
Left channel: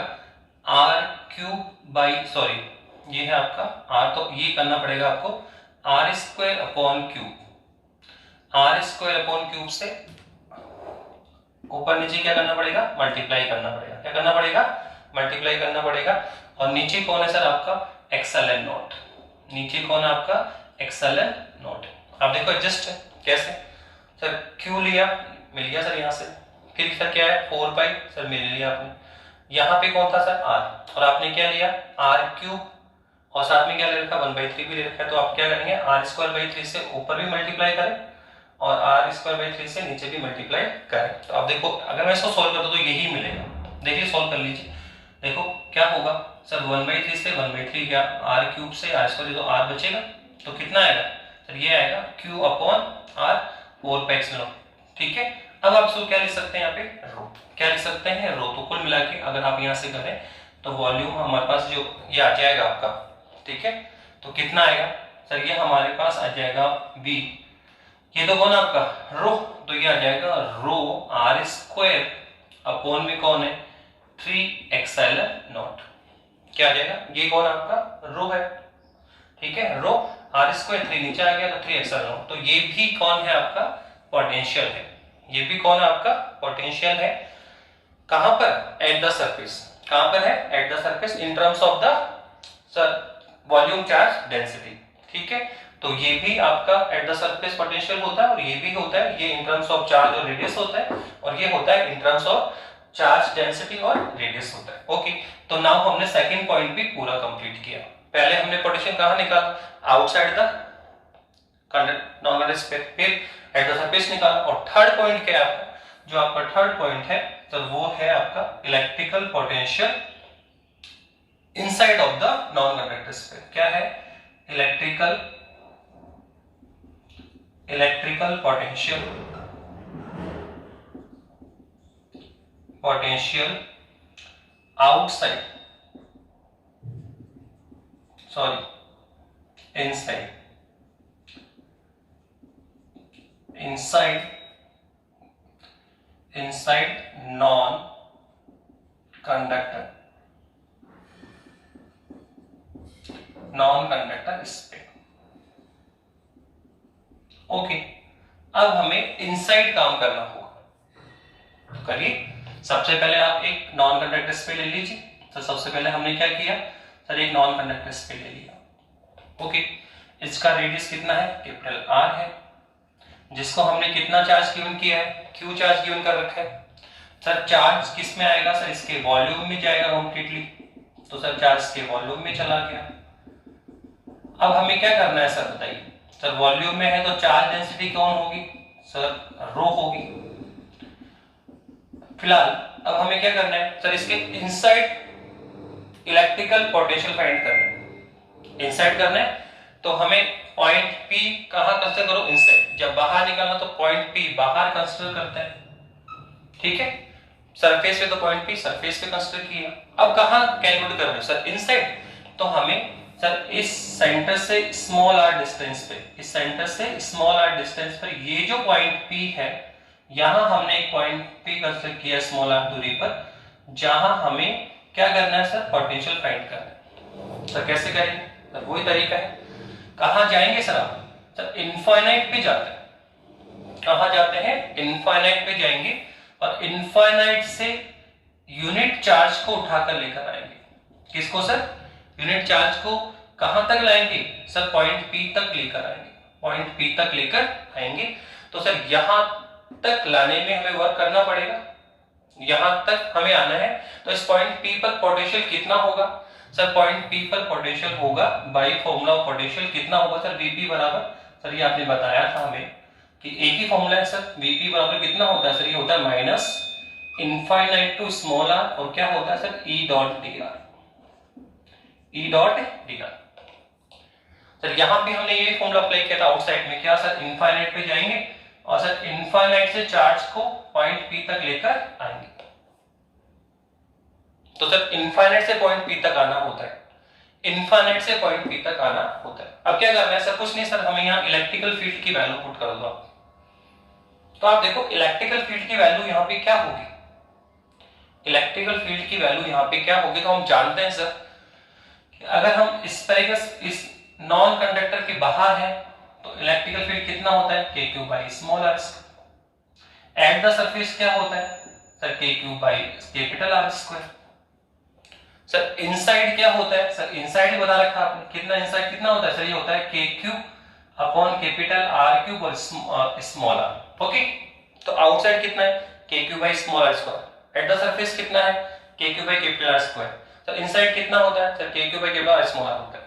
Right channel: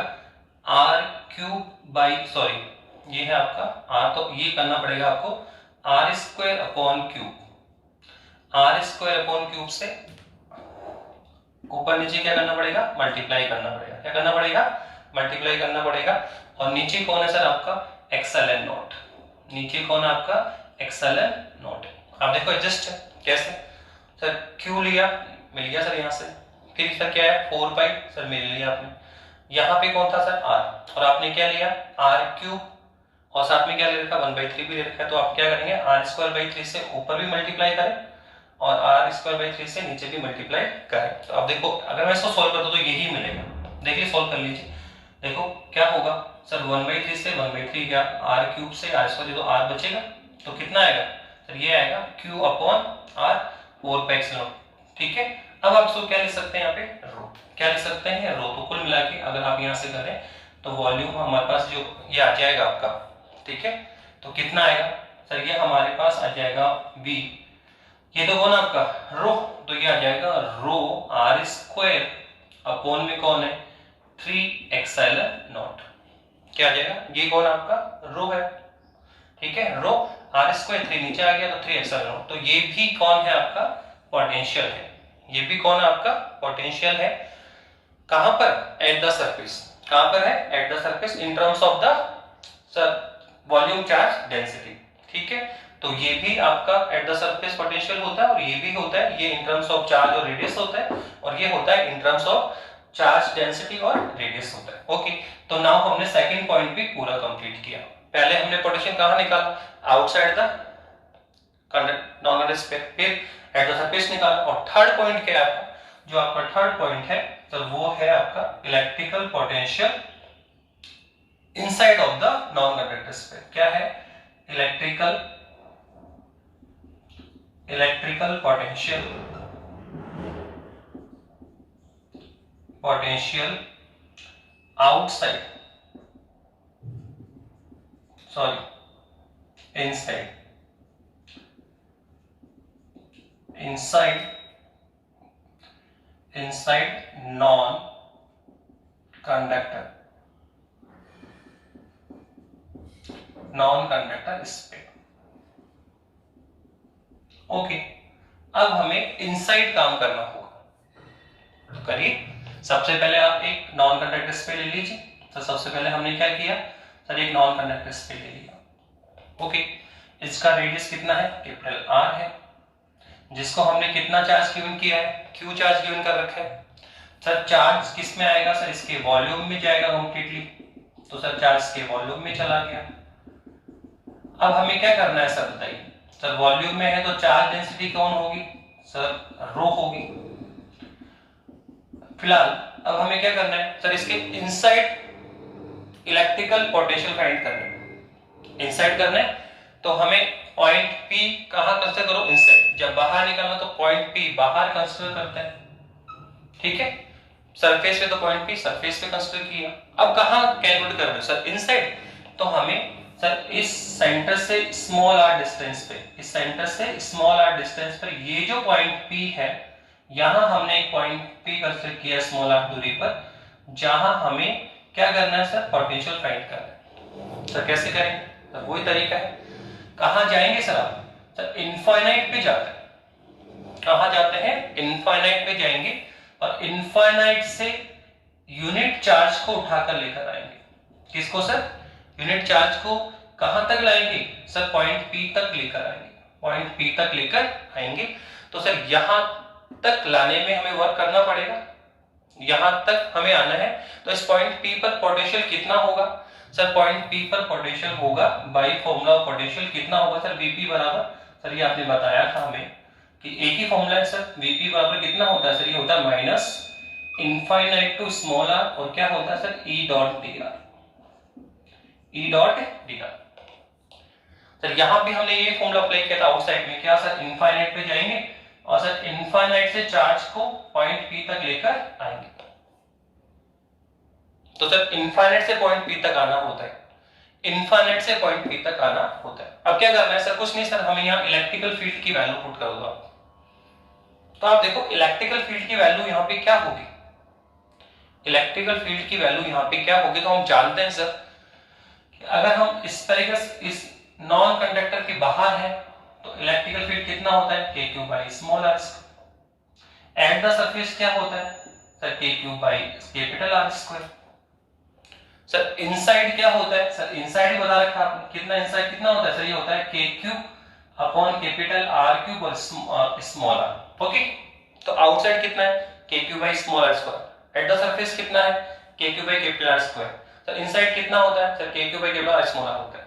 आर क्यूब बाई, सॉरी ये है आपका आर, तो ये करना पड़ेगा आपको r square upon cube, r square upon cube से ऊपर नीचे क्या करना पड़ेगा, मल्टीप्लाई करना पड़ेगा, क्या करना पड़ेगा, मल्टीप्लाई करना पड़ेगा। और नीचे कौन है सर आपका एक्सएलएन नॉट, नीचे कौन है आपका एक्सएलएन नॉट। आप देखो एडजस्ट है कैसे, सर क्यू लिया मिल गया सर यहाँ से, फिर सर क्या है 4 पाई सर मिल लिया आपने, यहाँ पे कौन था सर आर, और आपने क्या लिया आर क्यूब, और साथ में क्या ले रखा 1/3 भी ले रखा है, तो आप क्या करेंगे आर स्क्वायर बाई 3 से ऊपर भी मल्टीप्लाई करें और आर स्क्वायर बाई 3 से नीचे भी मल्टीप्लाई करें। तो आप देखो अगर मैं इसको सॉल्व करता तो यही मिलेगा, देखिए सॉल्व कर लीजिए, देखो क्या होगा सर 1/3 से 1/3 गया, आर क्यूब से आर स्क्वायर, तो आर बचेगा, तो कितना आएगा सर ये आएगा q upon r 4 pi epsilon, ठीक है। अब आप इसको क्या लिख सकते हैं यहाँ पे रो, क्या लिख सकते हैं रो, तो कुल मिला के अगर आप यहाँ से करें तो वॉल्यूम हमारे पास जो ये आ जाएगा आपका, ठीक है, तो कितना आएगा सर ये हमारे पास आ जाएगा बी, ये तो कौन आपका रो, तो ये आ जाएगा रो आर स्क्वायर अपॉन में कौन है 3 एक्सएलएन नॉट, क्या आ जाएगा ये कौन आपका रो है, ठीक है, रो आर स्क्वायर 3 नीचे आ गया तो 3 एक्सएलएन नॉट, तो ये भी कौन है आपका पोटेंशियल है, ये भी कौन है आपका पोटेंशियल है, कहां पर एट द सरफेस, कहां पर है eight the surface in terms of the sir volume charge density, ठीक है। तो ये भी आपका एट द सरफेस पोटेंशियल होता है और ये भी होता है, ये इन टर्म्स ऑफ चार्ज और रेडियस होता है, और ये होता है in terms of charge density और रेडियस होता है। ओके, तो नाउ हमने सेकंड पॉइंट भी पूरा कंप्लीट किया। पहले हमने पोटेंशियल कहां निकाला outside the non conducting sphere, फिर एट द सरफेस निकाला, और थर्ड पॉइंट क्या है आपका, जो आपका थर्ड पॉइंट है तो वो है आपका electrical potential inside of the non conducting sphere, क्या है electrical potential outside, sorry inside non conductor sphere. Okay, अब हमें इनसाइड काम करना होगा, तो करिए। सबसे पहले आप एक नॉन कंडक्टर स्फीयर ले लीजिए, तो सबसे पहले हमने क्या किया सर एक नॉन कंडक्टर स्फीयर ले लिया। ओके, इसका रेडियस कितना है कैपिटल आर है, जिसको हमने कितना चार्ज गिवन किया है क्यू चार्ज गिवन कर रखा है। सर चार्ज किस में आएगा सर इसके वॉल्यूम में जाएगा कंप्लीटली, तो सर चार्ज के वॉल्यूम में चला गया। अब हमें क्या करना है सर बताइए, सर वॉल्यूम में है तो चार्ज डेंसिटी कौन होगी सर रो होगी। फिलहाल अब हमें क्या करना है सर इसके इनसाइड इलेक्ट्रिकल पोटेंशियल फाइंड करना है, इनसाइड करना है तो हमें पॉइंट P कहां कंसीडर करो इनसाइड, जब बाहर निकलना तो पॉइंट P बाहर कंसीडर करते हैं, ठीक है। सरफेस पे तो पॉइंट P सरफेस पे कंसीडर किया, अब कहां कैलकुलेट कर रहे हैं सर इनसाइड, तो हमें सर इस सेंटर से स्मॉल r डिस्टेंस पे, इस सेंटर से स्मॉल r डिस्टेंस पर ये जो पॉइंट P है, यहां हमने एक पॉइंट P कंसीडर किया स्मॉल r दूरी पर, जहां हमें क्या करना है सर पोटेंशियल फाइंड करना है। सर कैसे करेंगे सर वही तरीका है, कहां जाएंगे सर आप सर इनफाइनाइट पे जाते हैं, कहां जाते हैं इनफाइनाइट पे जाएंगे और इनफाइनाइट से यूनिट चार्ज को उठाकर लेकर आएंगे, किसको सर यूनिट चार्ज को कहां तक लाएंगे सर पॉइंट P तक लेकर आएंगे, पॉइंट P तक लेकर आएंगे। तो सर यहां तक लाने में हमें वर्क करना पड़ेगा, यहां तक हमें आना है, तो इस पॉइंट P पर पोटेंशियल कितना होगा सर पॉइंट P पर पोटेंशियल होगा बाय फॉर्मूला ऑफ पोटेंशियल कितना होगा सर Vp बराबर, सर ये आपने बताया था हमें कि एक ही फॉर्मूला है सर, Vp बराबर कितना होता है सर, ये होता है इनफाइनाइट टू स्मॉल आर और क्या होता है sir E dot d are, E dot d r. Sir यहां भी हमने ये फॉर्मूला अप्लाई किया था आउटसाइड में, क्या सर इनफाइनाइट पे जाएंगे और सर इनफाइनाइट से चार्ज को पॉइंट पी तक लेकर आएंगे। तो सर इनफाइनाइट से पॉइंट पी तक आना होता है, इनफाइनाइट से पॉइंट पी तक आना होता है। अब क्या करना है सर, कुछ नहीं सर, हमें यहाँ इलेक्ट्रिकल फील्ड की वैल्यू पुट कर दो। तो आप देखो इलेक्ट्रिकल फील्ड की वैल्यू यहाँ पे क्या होगी, इलेक्ट्रिकल फील्ड की वैल्यू यहाँ पे क्या होगी, तो हम जानते हैं सर कि अगर हम स्फेरिकल इस नॉन कंडक्टर के बाहर है तो इलेक्ट्रिकल फील्ड कितना होता है k q by small r. At the surface क्या होता है sir k q by capital r square. Sir inside क्या होता है सर, इनसाइड ही बता रखा आपने, कितना इनसाइड कितना होता है सर, ये होता है k cube upon capital r cube और स्मॉल आर। ओके, तो आउटसाइड कितना है k cube by small r square, at the surface कितना है k cube by capital r square. Sir inside कितना होता है sir k cube by capital r small r होता है।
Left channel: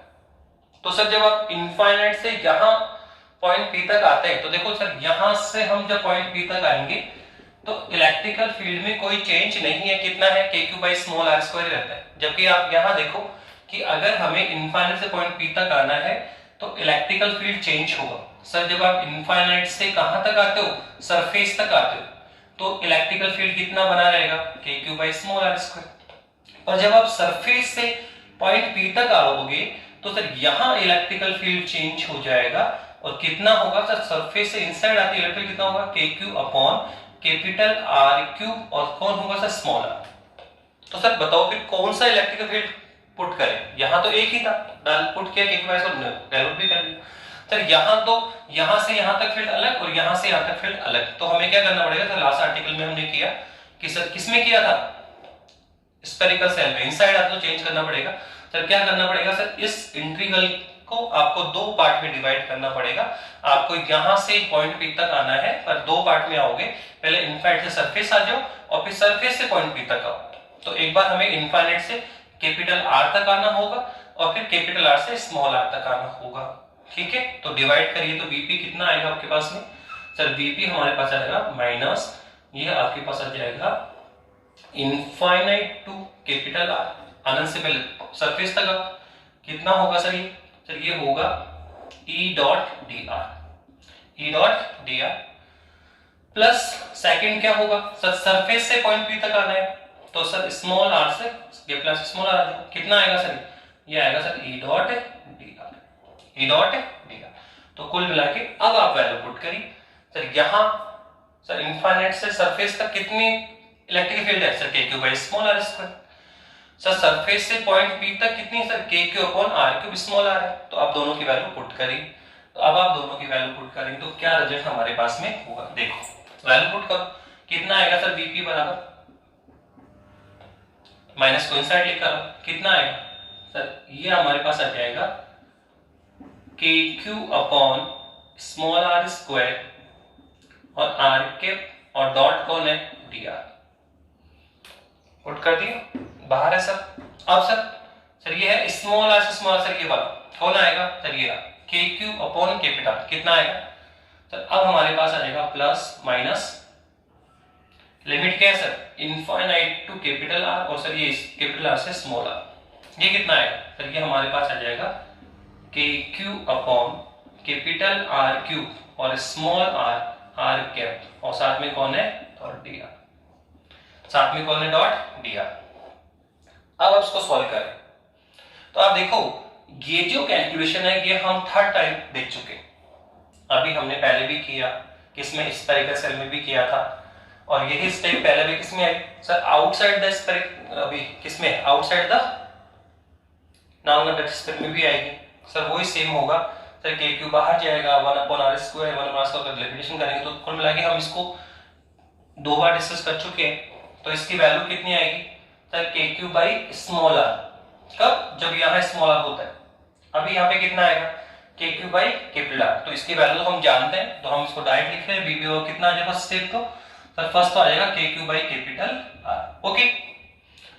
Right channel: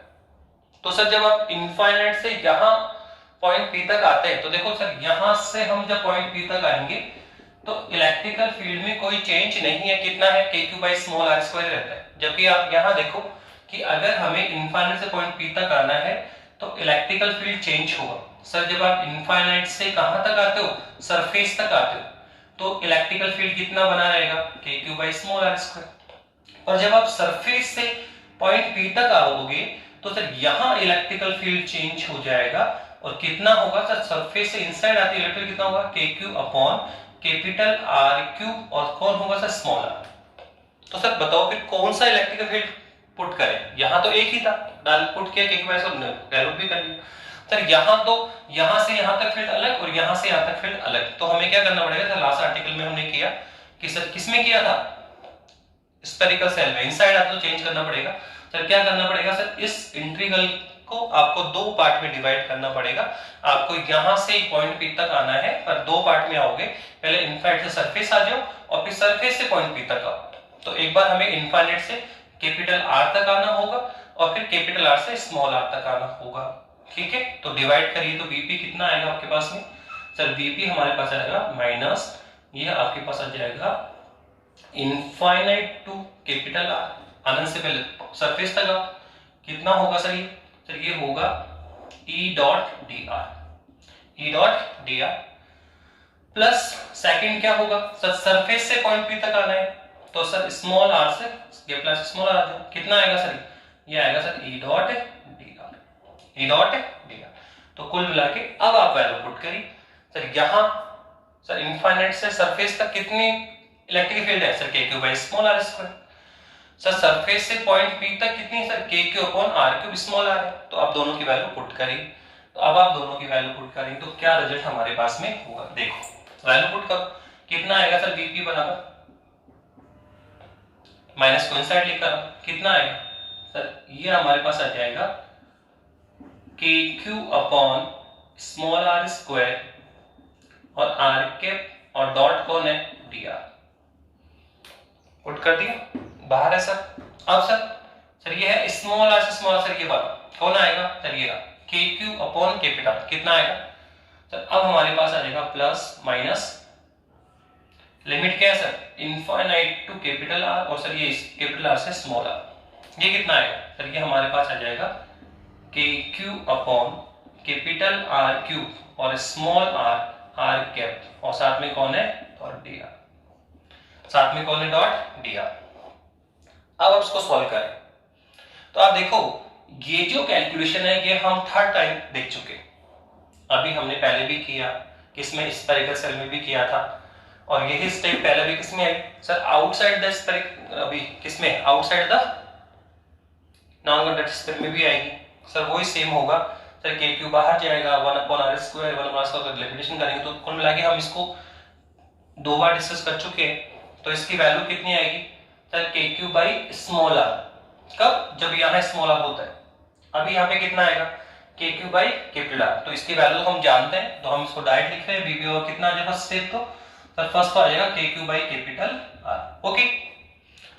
तो सर जब आप इनफाइनाइट से यहां पॉइंट पी तक आते हैं तो देखो सर यहां से हम जब पॉइंट पी तक आएंगे तो इलेक्ट्रिकल फील्ड में कोई चेंज नहीं है, कितना है k q by small r square रहता है। जबकि आप यहां देखो कि अगर हमें इनफाइनाइट से पॉइंट पी तक आना है तो इलेक्ट्रिकल फील्ड चेंज होगा। सर जब आप इनफाइनाइट से कहां तक आते हो, सरफेस तक आते हो, तो इलेक्ट्रिकल फील्ड कितना बना रहेगा k q by small r square. और जब आप सरफेस से पॉइंट पी तक आओगे तो सर यहां इलेक्ट्रिकल फील्ड चेंज हो जाएगा और कितना होगा सर, सरफेस से इनसाइड आते इलेक्ट्रिक कितना होगा k q upon capital r cube और कौन होगा सर स्मॉल आर। तो सर बताओ फिर कौन सा इलेक्ट्रिकल फील्ड पुट करें, यहां तो एक ही था, डाल पुट किया के बाय सब वैल्यू भी कर लिया। सर यहां तो यहां से यहां तक फील्ड अलग और यहां से यहां तक फील्ड अलग, तो हमें क्या करना पड़ेगा सर, लास्ट आर्टिकल में हमने किया कि सर किसमें किया था स्फेरिकल सेल में, इनसाइड आपको चेंज करना पड़ेगा। सर क्या करना पड़ेगा सर, इस इंटीग्रल को आपको दो पार्ट में डिवाइड करना पड़ेगा। आपको यहां से पॉइंट पी तक आना है पर दो पार्ट में आओगे, पहले इनफाइनाइट से सरफेस आ जाओ और फिर सरफेस से पॉइंट पी तक आओ। तो एक बार हमें इनफाइनाइट से कैपिटल आर तक आना होगा और फिर कैपिटल आर से स्मॉल आर तक आना होगा। ठीक है, तो डिवाइड करिए तो वीपी कितना आएगा आपके पास में सर, वीपी हमारे पास आएगा माइनस, ये आपके पास आ जाएगा इनफाइनाइट टू कैपिटल आर, अनंत से पहले सरफेस तक आओ, कितना होगा सर ये होगा E dot d are, E dot d are plus second क्या होगा सर, सरफेस से पॉइंट पी तक आना है तो सर स्मॉल आर से प्लस स्मॉल आर कितना आएगा सर, ये आएगा sir E dot d are, E dot d are. तो कुल मिला के अब आप वैल्यू पुट करिए सर, यहां सर इनफाइनाइट से सरफेस तक कितनी इलेक्ट्रिक फील्ड है sir k q by small r square. Sir surface से पॉइंट पी तक कितनी sir k q upon r cube small r है, तो आप दोनों की वैल्यू पुट करिए। तो अब आप दोनों की वैल्यू पुट करेंगे तो क्या रिजल्ट हमारे पास में होगा, देखो वैल्यू पुट करो, कितना आएगा सर वीपी बराबर माइनस कोइंसाइड लिखा कितना आएगा सर, ये हमारे पास आ जाएगा k q upon small r square और आर कैप और डॉट कौन है डी आर, पुट कर दिया बाहर है सर। अब सर ये है स्मॉल आर से स्मॉल सर, ये वाला कौन आएगा सर, ये के क्यू अपॉन कैपिटल कितना आएगा सर, अब हमारे पास आ जाएगा प्लस माइनस लिमिट क्या है sir infinite to capital r और सर ये कैपिटल आर से स्मॉल आर, ये कितना आएगा सर, ये हमारे पास आ जाएगा k q upon capital r cube और स्मॉल आर आर कैप और साथ में कौन है और डी आर, साथ में कौन है डॉट डी आर। अब आप इसको सॉल्व करें तो आप देखो ये जो कैलकुलेशन है ये हम थर्ड टाइम देख चुके, अभी हमने पहले भी किया किसमें स्फेरिकल सेल में भी किया था और यही स्टेप पहले भी किसमें आई सर आउटसाइड द स्फेरिकल, अभी किसमें outside the non conducting sphere में भी आएगी सर, वही सेम होगा सर के क्यू बाहर जाएगा 1 upon r square 1 upon square limitation करेंगे तो कुल मिला के हम इसको दो बार डिस्कस कर चुके हैं। तो इसकी वैल्यू कितनी आएगी sir k q by small are, कब जब यहाँ स्मॉल आर होता है, अभी यहाँ पे कितना आएगा k q by capital r, तो इसकी वैल्यू तो हम जानते हैं तो हम इसको डायरेक्ट लिख रहे हैं वीबी और कितना आ जाएगा स्टेप, तो सर फर्स्ट तो आ जाएगा k q by capital are. Okay,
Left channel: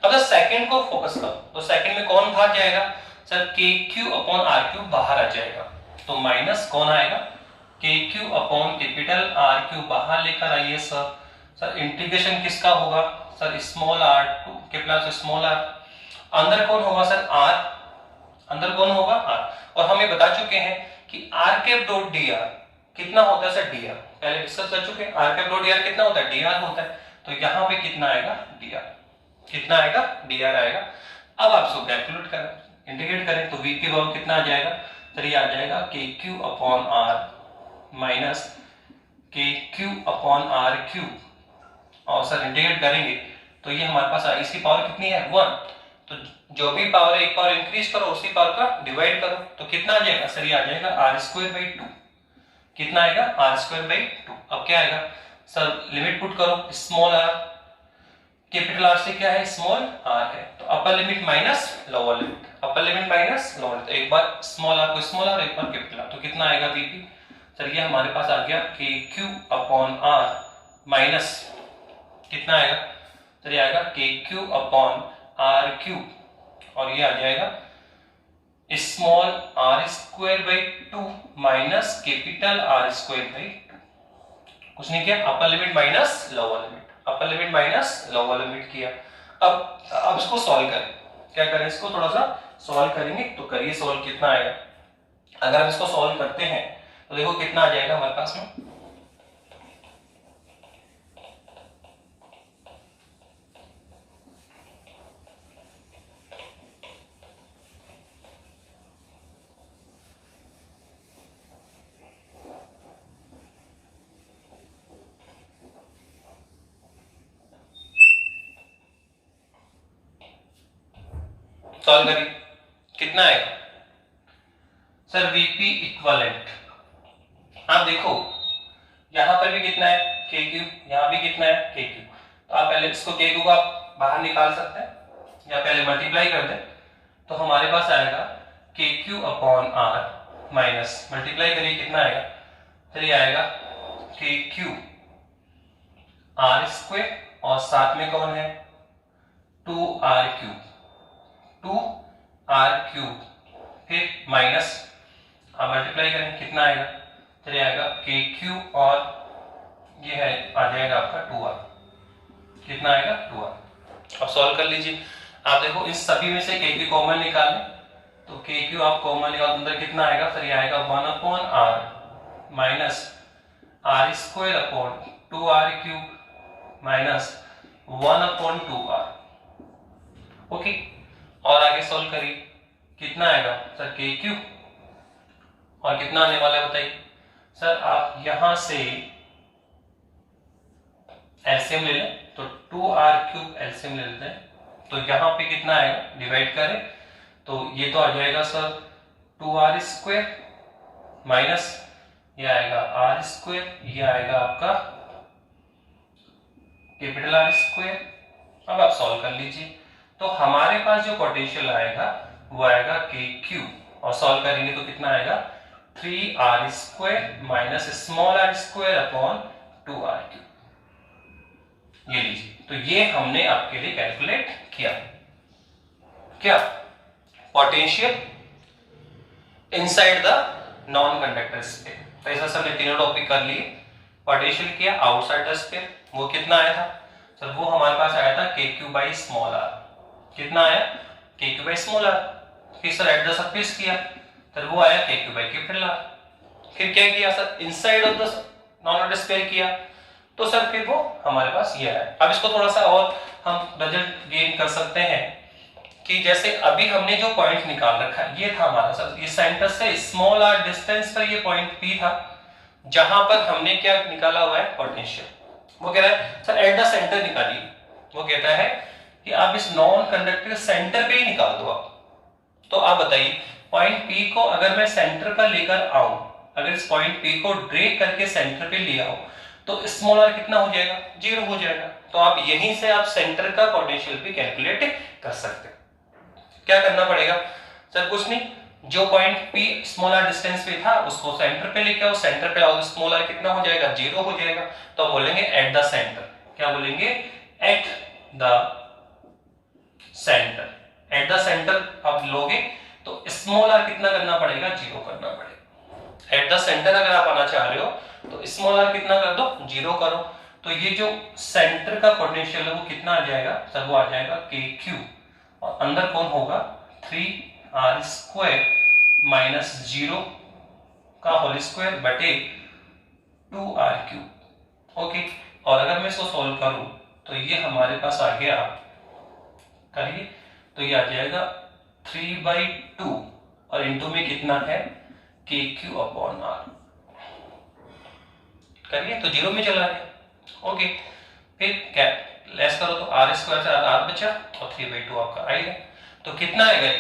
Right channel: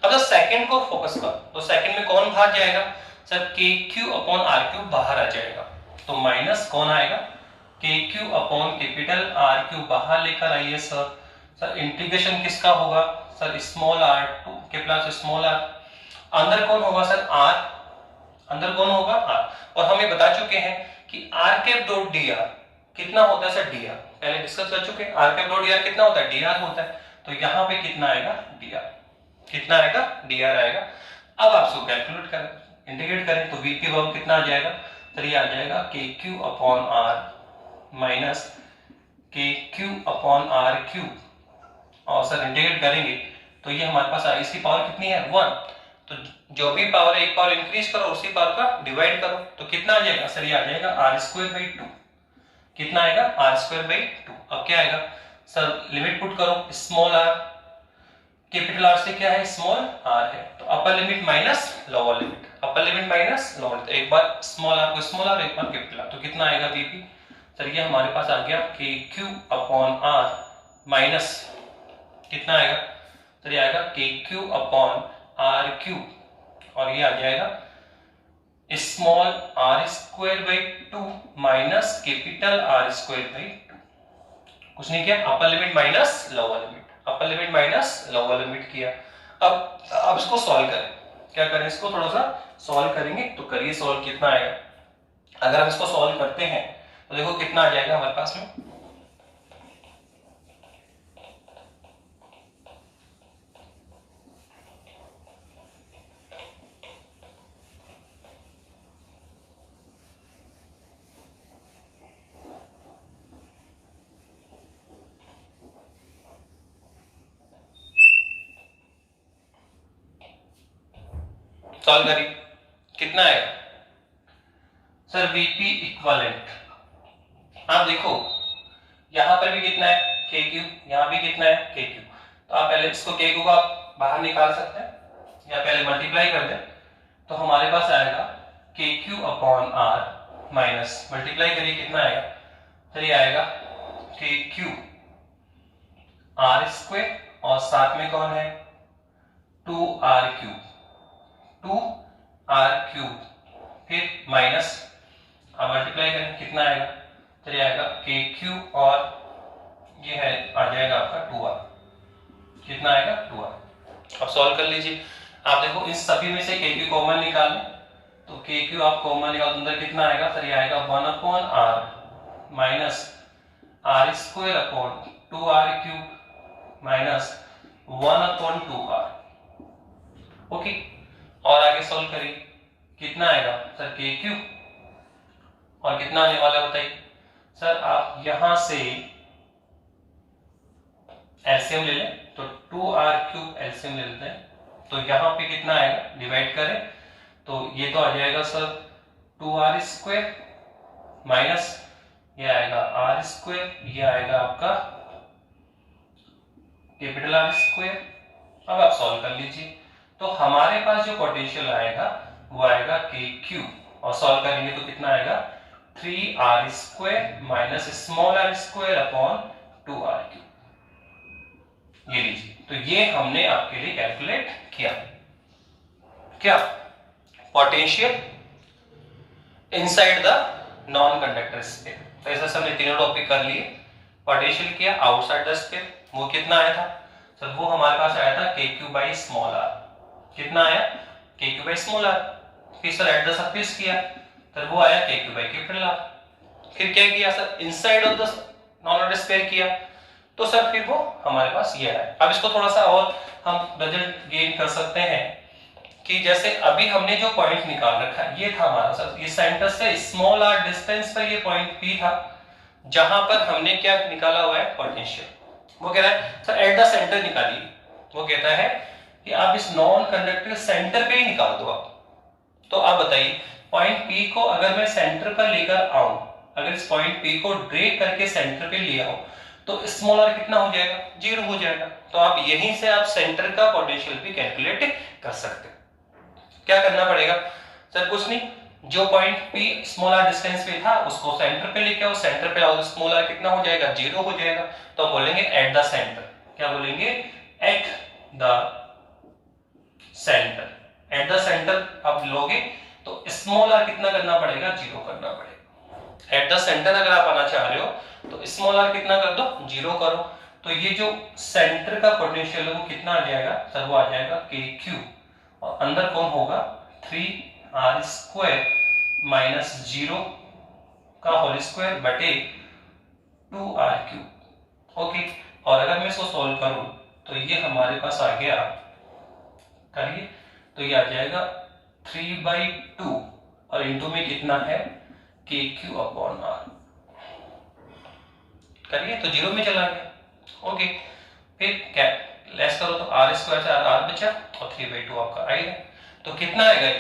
अब सेकंड को फोकस करो तो सेकंड में कौन बाहर जाएगा sir k q upon r cube बाहर आ जाएगा, तो माइनस कौन आएगा k q upon capital r cube बाहर लेकर आइए सर, सर इंटीग्रेशन किसका होगा? Sir small r to capital small r. अंदर कौन होगा सर? आर। अंदर कौन होगा? आर। और हम ये बता चुके हैं कि r cap dot d r कितना होता है सर? D r. पहले डिस्कस कर चुके हैं। R cap dot d r कितना होता है? डी आर होता है। तो यहाँ पे कितना आएगा? D r. कितना आएगा? डी आर आएगा। अब आप इसको कैलकुलेट करें, इंटीग्रेट करें तो वी की वैल्यू कितना आ जाएगा? सर ये आ जाएगा k q upon r minus के क्यू अपॉन आर क्यू। और सर इंटीग्रेट करेंगे तो ये हमारे पास इसकी पावर कितनी है? 1। तो जो भी पावर है एक पावर इंक्रीज करो, उसी पावर का डिवाइड करो तो कितना आ जाएगा? सर ये आ जाएगा आर स्क्वायर बाई 2। कितना आएगा? R square by 2। अब क्या आएगा सर? लिमिट पुट करो। स्मॉल आर कैपिटल आर से क्या है? स्मॉल आर है। तो upper limit minus lower limit, upper limit minus lower limit. एक बार स्मॉल आर को स्मॉल आर, एक बार कैपिटल आर। तो कितना आएगा वीपी? सर ये हमारे पास आ गया के क्यू अपॉन आर माइनस कितना आएगा? सर ये आएगा k q upon r Q और ये आ जाएगा small r square by 2 minus capital r square by 2। कुछ नहीं किया, upper limit minus lower limit, upper limit minus lower limit किया। अब इसको सॉल्व करें। क्या करें? इसको थोड़ा सा सॉल्व करेंगे। तो करिए सॉल्व। कितना आएगा? अगर हम इसको सॉल्व करते हैं तो देखो कितना आ जाएगा हमारे पास में। सॉल्व करिए। कितना आएगा? सर वीपी इक्वलेंट, आप देखो यहां पर भी कितना है? K Q. यहां भी कितना है? K Q. तो आप पहले इसको के क्यू को आप बाहर निकाल सकते हैं या पहले मल्टीप्लाई कर दें तो हमारे पास आएगा k q upon r minus, multiply करिए कितना आएगा? फिर ये आएगा के क्यू आर स्क्वायर और साथ में कौन है? 2r cube, 2r cube. फिर माइनस अब मल्टीप्लाई करें कितना आएगा? चलिए आएगा के क्यू और ये है आ जाएगा आपका 2r। कितना आएगा? 2r। अब सॉल्व कर लीजिए। आप देखो इस सभी में से के क्यू कॉमन निकाल लें तो के क्यू आप कॉमन निकाल, अंदर कितना आएगा? फिर ये आएगा 1 upon r minus r square upon 2r cube minus 1 upon 2r। Okay. और आगे सॉल्व करिए कितना आएगा? सर के क्यू और कितना आने वाला है बताइए? सर आप यहां से एलसीएम ले लें तो 2r क्यूब एलसीएम ले लेते हैं तो यहां पे कितना आएगा? डिवाइड करें तो ये तो आ जाएगा सर 2r स्क्वायर माइनस ये आएगा r स्क्वायर, ये आएगा आपका कैपिटल R स्क्वायर। अब आप सॉल्व कर लीजिए तो हमारे पास जो पोटेंशियल आएगा वो आएगा के क्यू और सॉल्व करेंगे तो कितना आएगा? 3r square minus small r square upon 2r cube. ये लीजिए। तो ये हमने आपके लिए कैलकुलेट किया क्या? Potential inside the non conductor sphere. तो ऐसा हमने तीनों टॉपिक कर लिए। पोटेंशियल किया आउटसाइड द स्फीयर, वो कितना आया था? सर वो हमारे पास आया था के क्यू बाई स्मॉल आर। कितना आया? के क्यू बाई स्मॉल आर। फिर सर एट द सरफेस किया सर वो आया के क्यू बाई कैपिटल आर। फिर क्या किया sir? Inside of the non conductor sphere किया तो सर फिर वो हमारे पास ये आया। अब इसको थोड़ा सा और हम रिजल्ट गेन कर सकते हैं कि जैसे अभी हमने जो पॉइंट निकाल रखा है ये था हमारा सर, ये सेंटर से स्मॉल आर डिस्टेंस पर ये पॉइंट पी था जहां पर हमने क्या निकाला हुआ है? पोटेंशियल। वो कह रहा है सर एट द सेंटर निकालिए। वो कहता है कि आप इस नॉन कंडक्टर सेंटर पे ही निकाल दो आप। तो आप बताइए पॉइंट पी को अगर मैं सेंटर पर लेकर आऊं, अगर इस पॉइंट पी को ड्रैग करके सेंटर पे ले आओ तो स्मॉल आर कितना हो जाएगा? 0 हो जाएगा। तो आप यहीं से आप सेंटर का पोटेंशियल भी कैलकुलेट कर सकते हैं। क्या करना पड़ेगा? सर कुछ नहीं, जो point p small r distance पे था उसको सेंटर पे लेके आओ, सेंटर पे लाओ तो स्मॉल आर कितना हो जाएगा? 0 हो जाएगा। तो हम बोलेंगे एट द सेंटर। क्या बोलेंगे? At the centre. At the centre आप लोगे तो स्मॉल आर कितना करना पड़ेगा? 0 करना पड़ेगा। एट द सेंटर अगर आप आना चाह रहे हो तो स्मॉल आर कितना कर दो? 0 करो। तो ये जो सेंटर का पोटेंशियल है वो कितना आ जाएगा सर, वो आ जाएगा के क्यू, और अंदर कौन होगा 3r² माइनस 0 का होल स्क्वायर बटे 2r³। ओके, और अगर मैं इसको सॉल्व करूं तो ये हमारे पास आ गया, करिए, तो ये आ जाएगा 3/2 और इंटू में कितना है KQ/R। करिए, तो 0 में चला गया। ओके, फिर क्या लेस करो तो r² से r बचा और 3/2 आपका आएगा। तो कितना आएगा ये,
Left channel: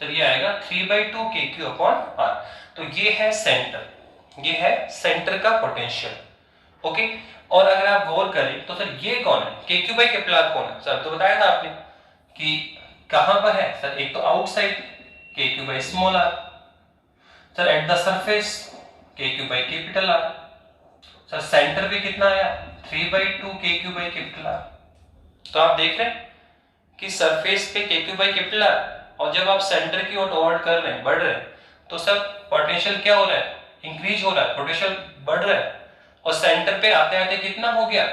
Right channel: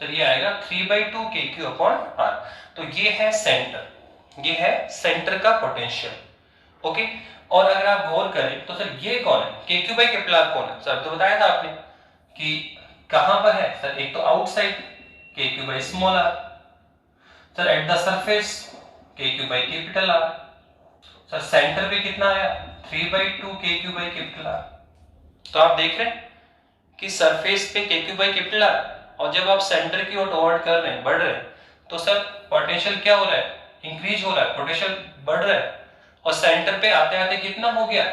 तो ये आएगा 3/2 KQ/R। तो ये है सेंटर, ये है सेंटर का पोटेंशियल। ओके, और अगर आप गौर करें तो सर ये कौन है, KQ/R कौन है सर, तो बताया था आपने कि कहां पर है सर, एक तो outside KQ/R, sir at the surface KQ/R, sir centre पे कितना आया 3/2 KQ/R। तो आप देख रहे हैं कि सरफेस पे KQ/R, और जब आप सेंटर की ओर टॉवर्ड कर रहे हैं, बढ़ रहे हैं, तो सर पोटेंशियल क्या हो रहा है, इंक्रीज हो रहा है, पोटेंशियल बढ़ रहा है, और सेंटर पे आते आते कितना हो गया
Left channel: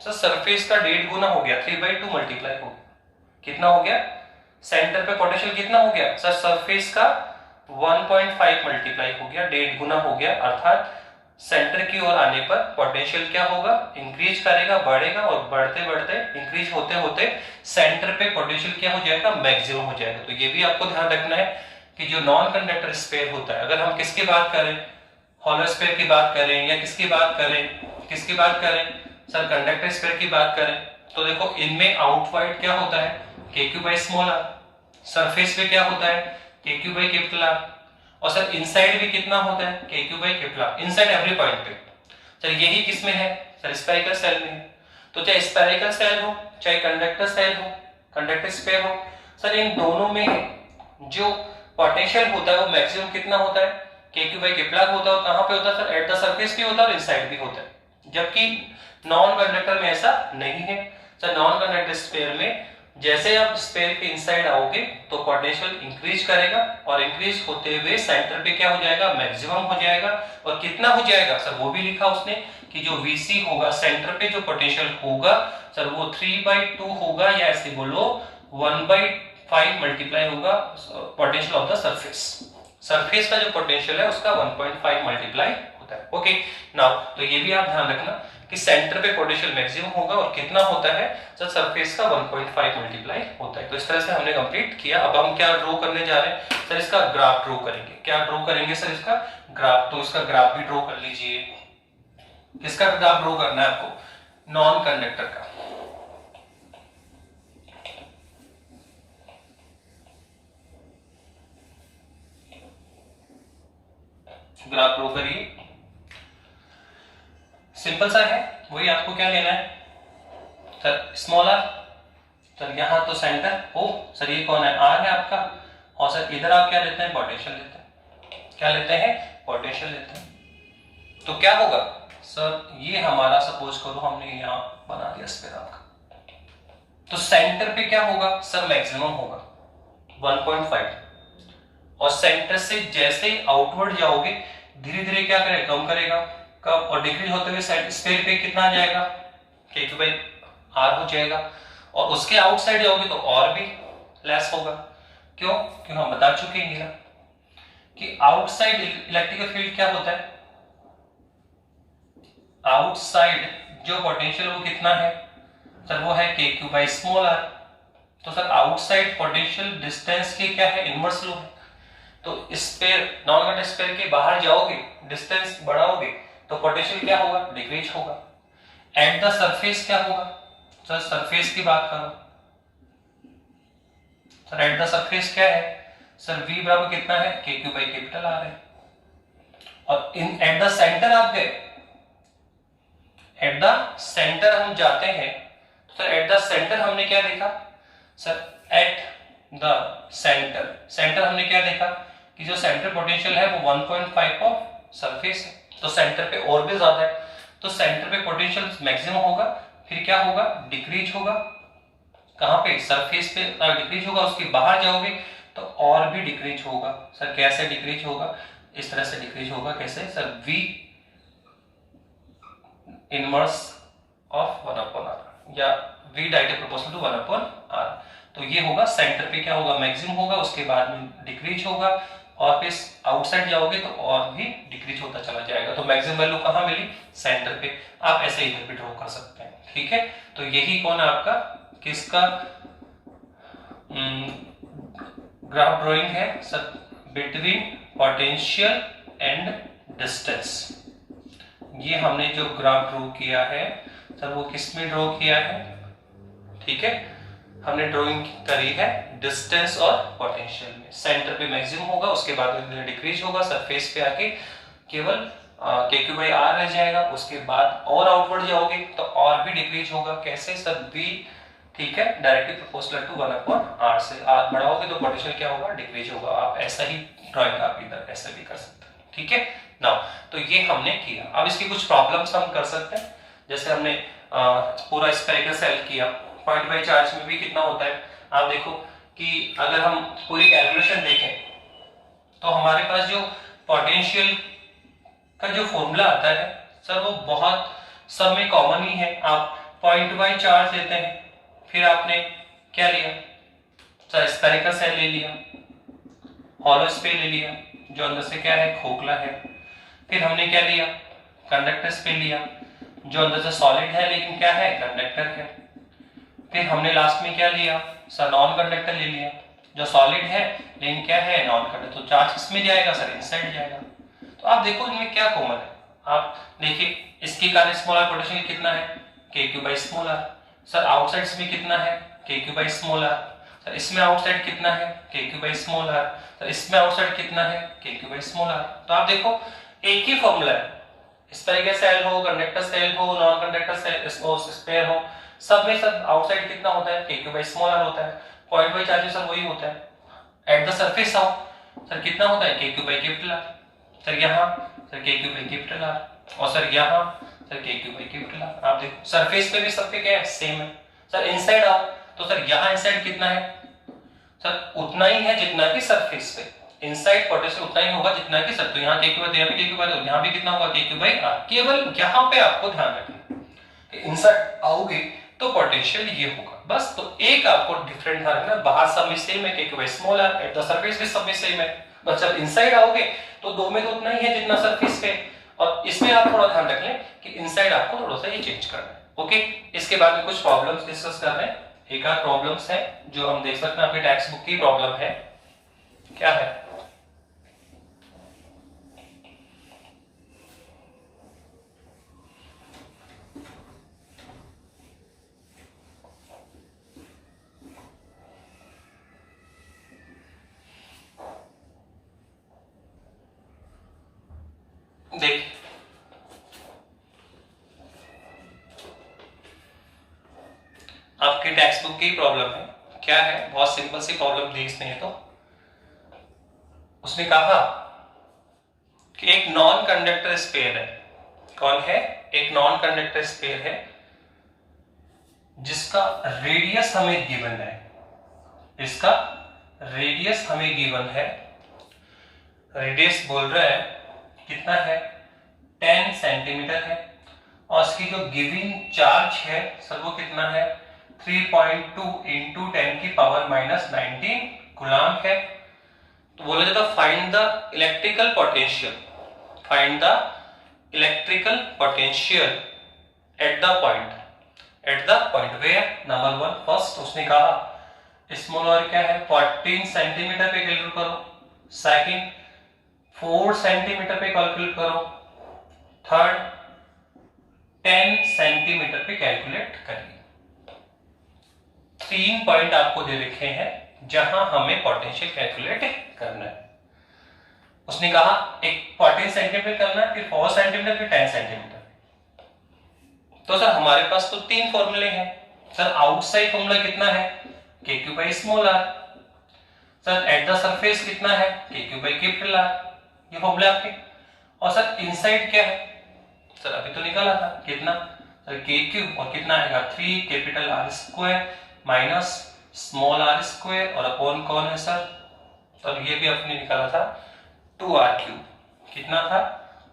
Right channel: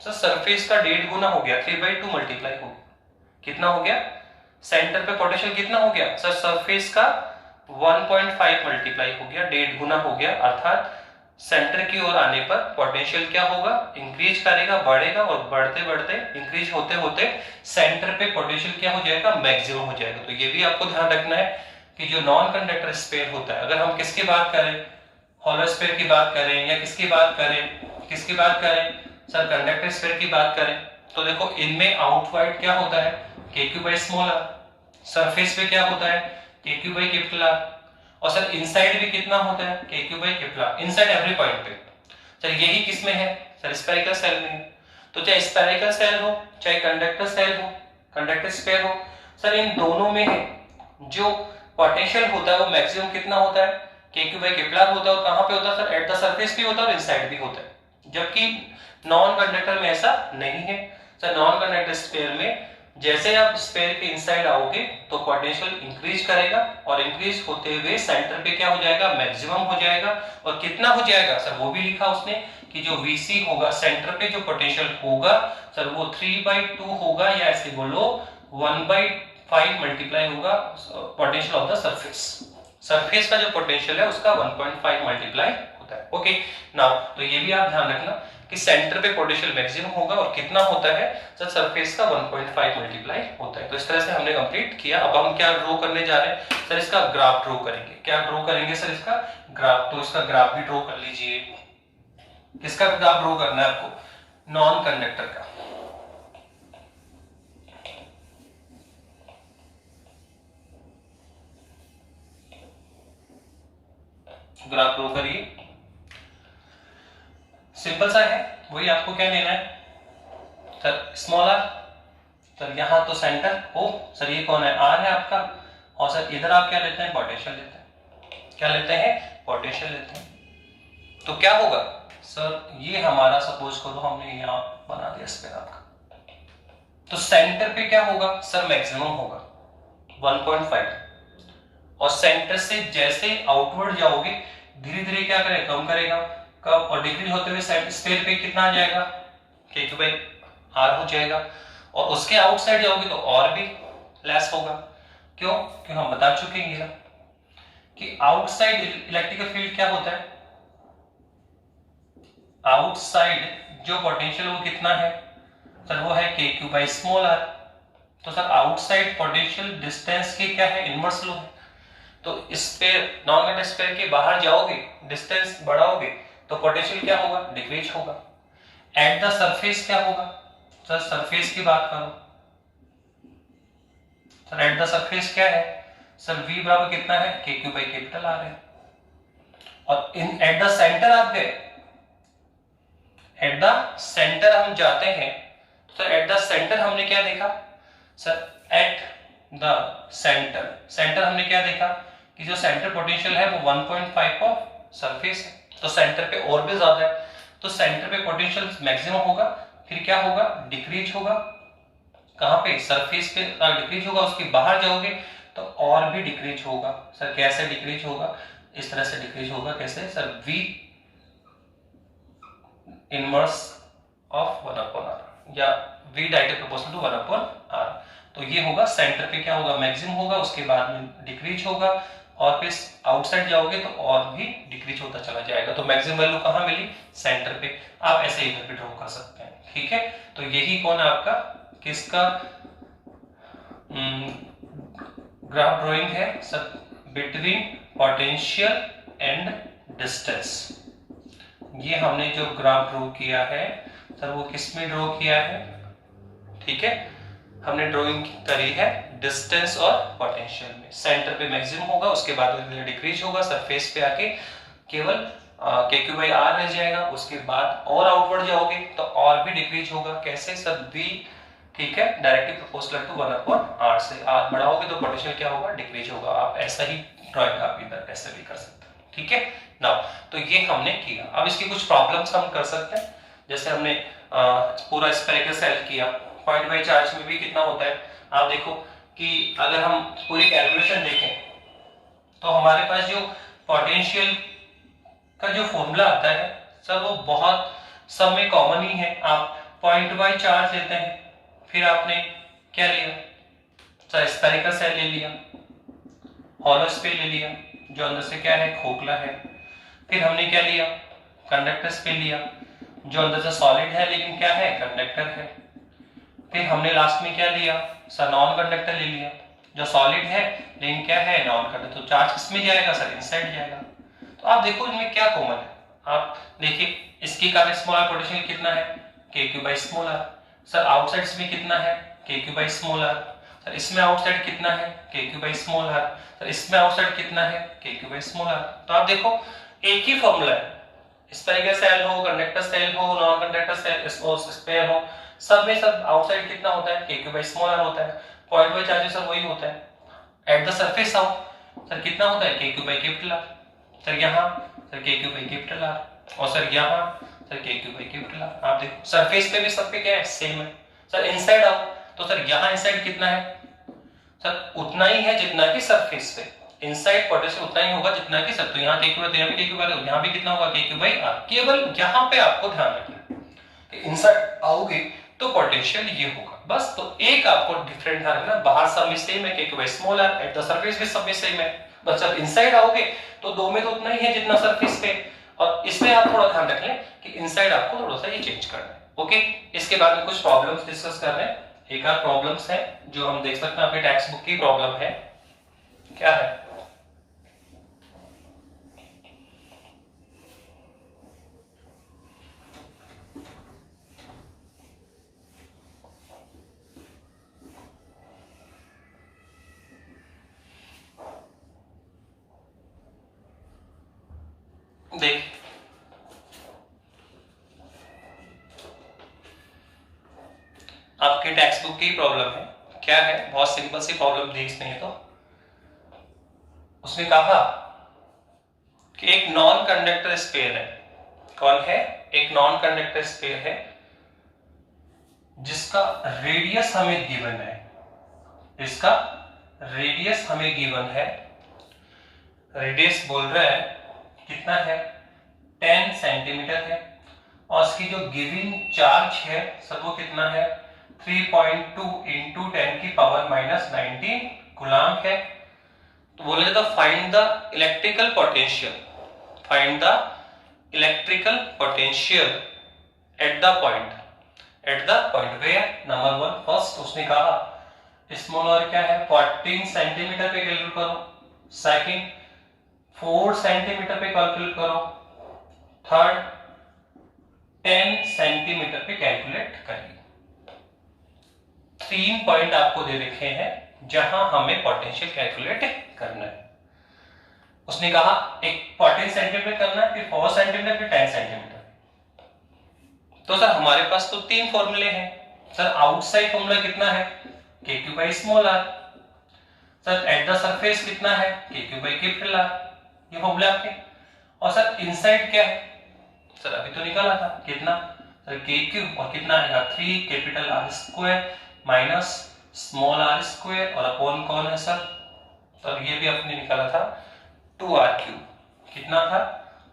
सर, सरफेस का 1.5 गुना हो गया, 3/2 मल्टीप्लाई हो, कितना हो गया, सेंटर पे पोटेंशियल कितना हो गया सर, सरफेस का 1.5 मल्टीप्लाई हो गया, 1.5 गुना हो गया, अर्थात सेंटर की ओर आने पर पोटेंशियल क्या होगा, इंक्रीज करेगा, बढ़ेगा, और बढ़ते बढ़ते इंक्रीज होते होते सेंटर पे पोटेंशियल क्या हो जाएगा, मैक्सिमम हो जाएगा। तो ये भी आपको ध्यान रखना है कि जो नॉन कंडक्टर स्फीयर होता है, अगर हम किसकी बात करें, हॉलो स्फीयर की बात करें या किसकी बात करें सर, कंडक्टर स्फीयर की बात करें, तो देखो इनमें आउटवर्ड क्या होता है KQ/r, सरफेस पे क्या होता है KQ/R, और सर इनसाइड भी कितना होता है KQ/R, इनसाइड एवरी पॉइंट पे। सर यही किसमें है सर, स्फेरिकल सेल में। तो चाहे स्फेरिकल सेल हो, चाहे कंडक्टर सेल हो, कंडक्टर स्फीयर हो, सर इन दोनों में है जो पोटेंशियल होता है वो मैक्सिमम कितना होता है KQ/R होता है। कहां पे होता है सर, एट द सरफेस भी होता है और इनसाइड भी होता है, जबकि नॉन कंडक्टर में ऐसा नहीं है। सर नॉन कंडक्टर स्फीयर में जैसे आप स्फीयर के इनसाइड आओगे तो पोटेंशियल इंक्रीज करेगा, और इंक्रीज होते हुए सेंटर पे क्या हो जाएगा, मैक्सिमम हो जाएगा, और कितना हो जाएगा सर, वो भी लिखा उसने कि जो VC होगा, सेंटर पे जो पोटेंशियल होगा सर, वो 3/2 होगा, या ऐसे बोलो 1/5 मल्टीप्लाई होगा potential of the surface. Surface का जो पोटेंशियल है उसका 1.5 मल्टीप्लाई होता है। ओके, नाउ तो ये भी आप ध्यान रखना कि सेंटर पे पोटेंशियल मैक्सिमम होगा, और कितना होता है सर, सरफेस का 1.5 मल्टीप्लाई होता है। तो इस तरह से हमने कंप्लीट किया। अब हम क्या ड्रॉ करने जा रहे हैं सर, इसका ग्राफ ड्रॉ करेंगे। क्या ड्रॉ करेंगे सर, इसका ग्राफ। तो इसका ग्राफ भी ड्रॉ कर लीजिए। किसका ग्राफ ड्रॉ करना है आपको, नॉन कंडक्टर का। ग्राफ ड्रॉ करिए, सिंपल सा है, वही आपको क्या लेना है सर, स्मॉल r। सर यहां तो सेंटर ओ सर, ये कौन है, r है आपका, और सर इधर आप क्या लेते हैं, पोटेंशियल लेते हैं। क्या लेते हैं, पोटेंशियल लेते हैं। तो क्या होगा सर, ये हमारा सपोज करो हमने यहां बना दिया स्फीयर आपका, तो सेंटर पे क्या होगा सर, मैक्सिमम होगा 1.5, और सेंटर से जैसे आउटवर्ड जाओगे धीरे धीरे क्या करेगा, कम करेगा, कब, और डिक्रीज होते हुए स्फीयर पे कितना आ जाएगा KQ/R हो जाएगा, और उसके आउटसाइड जाओगे तो और भी लेस होगा। क्यों, क्योंकि हम बता चुके हैं कि आउटसाइड इलेक्ट्रिकल फील्ड क्या होता है, आउटसाइड जो पोटेंशियल वो कितना है सर, वो है KQ/r। तो सर आउटसाइड पोटेंशियल डिस्टेंस की क्या है, इनवर्स लो है। तो स्फीयर, नॉन कंडक्टर स्फीयर के बाहर जाओगे, डिस्टेंस बढ़ाओगे तो पोटेंशियल क्या होगा, डिक्रीज होगा। एट द सरफेस क्या होगा सर, सरफेस की बात करो सर, एट द सरफेस क्या है सर, V बराबर कितना है KQ/R है, और इन एट द सेंटर आप गए, एट द सेंटर हम जाते हैं, तो सर एट द सेंटर हमने क्या देखा sir, at the centre, centre हमने क्या देखा कि जो सेंटर पोटेंशियल है वो 1.5 ऑफ सरफेस है, तो सेंटर पे और भी ज्यादा है, तो सेंटर पे पोटेंशियल मैक्सिमम होगा, फिर क्या होगा, डिक्रीज होगा, कहां पे, सरफेस पे डिक्रीज होगा, उसके बाहर जाओगे तो और भी डिक्रीज होगा। सर कैसे डिक्रीज होगा, इस तरह से डिक्रीज होगा, कैसे sir, V inverse of 1/r या v directly proportional to 1/r। तो ये होगा सेंटर पे क्या होगा, मैक्सिमम होगा, उसके बाद में डिक्रीज होगा, और फिर आउटसाइड जाओगे तो और भी डिक्रीज होता चला जाएगा। तो मैक्सिमम वैल्यू कहाँ मिली, सेंटर पे। आप ऐसे इधर भी ड्रॉ कर सकते हैं, ठीक है। तो यही कौन है आपका, किसका ग्राफ ड्राइंग है sir, between potential and distance. ये हमने जो ग्राफ ड्रॉ किया है सर वो किस में ड्रॉ किया है, ठीक है, हमने ड्राइंग करी है डिस्टेंस और पोटेंशियल में। सेंटर पे मैक्सिमम होगा, उसके बाद डिक्रीज होगा, सरफेस पे आके केवल KQ/R रह जाएगा, उसके बाद और आउटवर्ड जाओगे तो और भी डिक्रीज होगा। कैसे सर, V, ठीक है, डायरेक्टली प्रोपोर्शनल टू 1/r से R बढ़ाओगे तो पोटेंशियल क्या होगा, डिक्रीज होगा। आप ऐसा ही ड्राइंग आप इधर ऐसा भी कर सकते हैं, ठीक है ना। तो ये हमने किया। अब इसकी कुछ प्रॉब्लम्स हम कर सकते हैं, जैसे हमने पूरा स्फेरिकल सेल किया, पॉइंट बाय चार्ज में भी कितना होता है। आप देखो कि अगर हम पूरी कैलकुलेशन देखें तो हमारे पास जो पोटेंशियल का जो फॉर्मूला आता है सर वो बहुत सब में कॉमन ही है। आप पॉइंट बाय चार्ज लेते हैं, फिर आपने क्या लिया सर, स्फेरिकल सेल ले लिया, हॉलो स्फीयर ले लिया जो अंदर से क्या है, खोखला है। फिर हमने क्या लिया, कंडक्टर स्फीयर लिया जो अंदर से सॉलिड है लेकिन क्या है, कंडक्टर है। फिर हमने लास्ट में क्या लिया सर, नॉन कंडक्टर ले लिया जो सॉलिड है लेकिन क्या है, नॉन कंडक्टर। तो चार्ज किसमें जाएगा सर, इनसाइड जाएगा। तो आप देखो इनमें क्या कॉमन है, आप देखिए इसकी का स्मॉलर पोटेंशियल कितना है, KQ/r। सर आउटसाइड में कितना है, KQ/r। सर इसमें आउटसाइड कितना है, KQ/r। सर इसमें आउटसाइड कितना है, KQ/r। तो आप देखो एक ही फॉर्मूला है, स्फेरिकल सेल हो, कंडक्टर सेल हो, नॉन कंडक्टर सेल स्फीयर हो, सब में सब आउटसाइड कितना होता है, KQ/r होता है। पॉइंट बाय चार्ज सर वही होता है। एट द सरफेस आओ सर कितना होता है, KQ/R। सर यहाँ सर KQ/R, और सर यहाँ सर KQ/R। आप देखो सरफेस पे भी सब पे क्या है, सेम है। सर इनसाइड आओ तो सर यहाँ इनसाइड कितना है सर, उतना ही है जितना कि सरफेस पे। इनसाइड पोटेंशियल उतना ही होगा जितना कि सरफेस। यहाँ KQ/R, यहाँ भी कितना होगा, KQ/R। केवल यहाँ पे आपको ध्यान रखना कि इनसाइड आओगे तो पोटेंशियल ये होगा, बस। तो एक आपको डिफरेंट ध्यान रखना, बाहर सब में सेम है KQ/r, एट द सरफेस भी सब में सेम है, बस जब इनसाइड आओगे तो दो में तो उतना ही है जितना सरफेस पे। और इसमें आप थोड़ा ध्यान रख लें कि इनसाइड आपको थोड़ा सा ये चेंज करना है, ओके। इसके बाद में कुछ प्रॉब्लम्स डिस्कस कर रहे हैं, एक आध प्रॉब्लम्स है जो हम देख सकते हैं, आपके टेक्स्ट बुक की प्रॉब्लम है, क्या है। देख आपके टेक्स्ट बुक की प्रॉब्लम है, क्या है, बहुत सिंपल सी प्रॉब्लम दी इसमें। तो उसने कहा कि एक नॉन कंडक्टर स्फीयर है, कौन है, एक नॉन कंडक्टर स्फीयर है जिसका रेडियस हमें गिवन है, इसका रेडियस हमें गिवन है। रेडियस बोल रहा है कितना है, 10 सेंटीमीटर है, और इसकी जो गिवन चार्ज है सर वो कितना है, 3.2 इंटू 10⁻⁻19 कूलम है। तो बोला जाता है find the electrical potential, find the electrical potential at the point, at the point where, number 1 first उसने कहा स्मॉल और क्या है 14 सेंटीमीटर पे कैलकुलेट करो, सेकंड 4 सेंटीमीटर पे कैलकुलेट करो, थर्ड 10 सेंटीमीटर पे कैलकुलेट करिए। 3 पॉइंट आपको दे रखे हैं जहां हमें पोटेंशियल कैलकुलेट करना है। उसने कहा एक 14 सेंटीमीटर करना है, फिर 4 सेंटीमीटर, फिर 10 सेंटीमीटर। तो सर हमारे पास तो 3 फॉर्मूले हैं। सर आउटसाइड फॉर्मूला कितना है, KQ/r। Sir at the surface कितना है, KQ/R, ये फॉर्मूले आपके। और सर इनसाइड क्या है, सर अभी तो निकाला था कितना सर, KQ और कितना आएगा 3 R² माइनस स्मॉल r² और अपॉन कौन है सर, तब ये भी अपने निकाला था 2r³। कितना था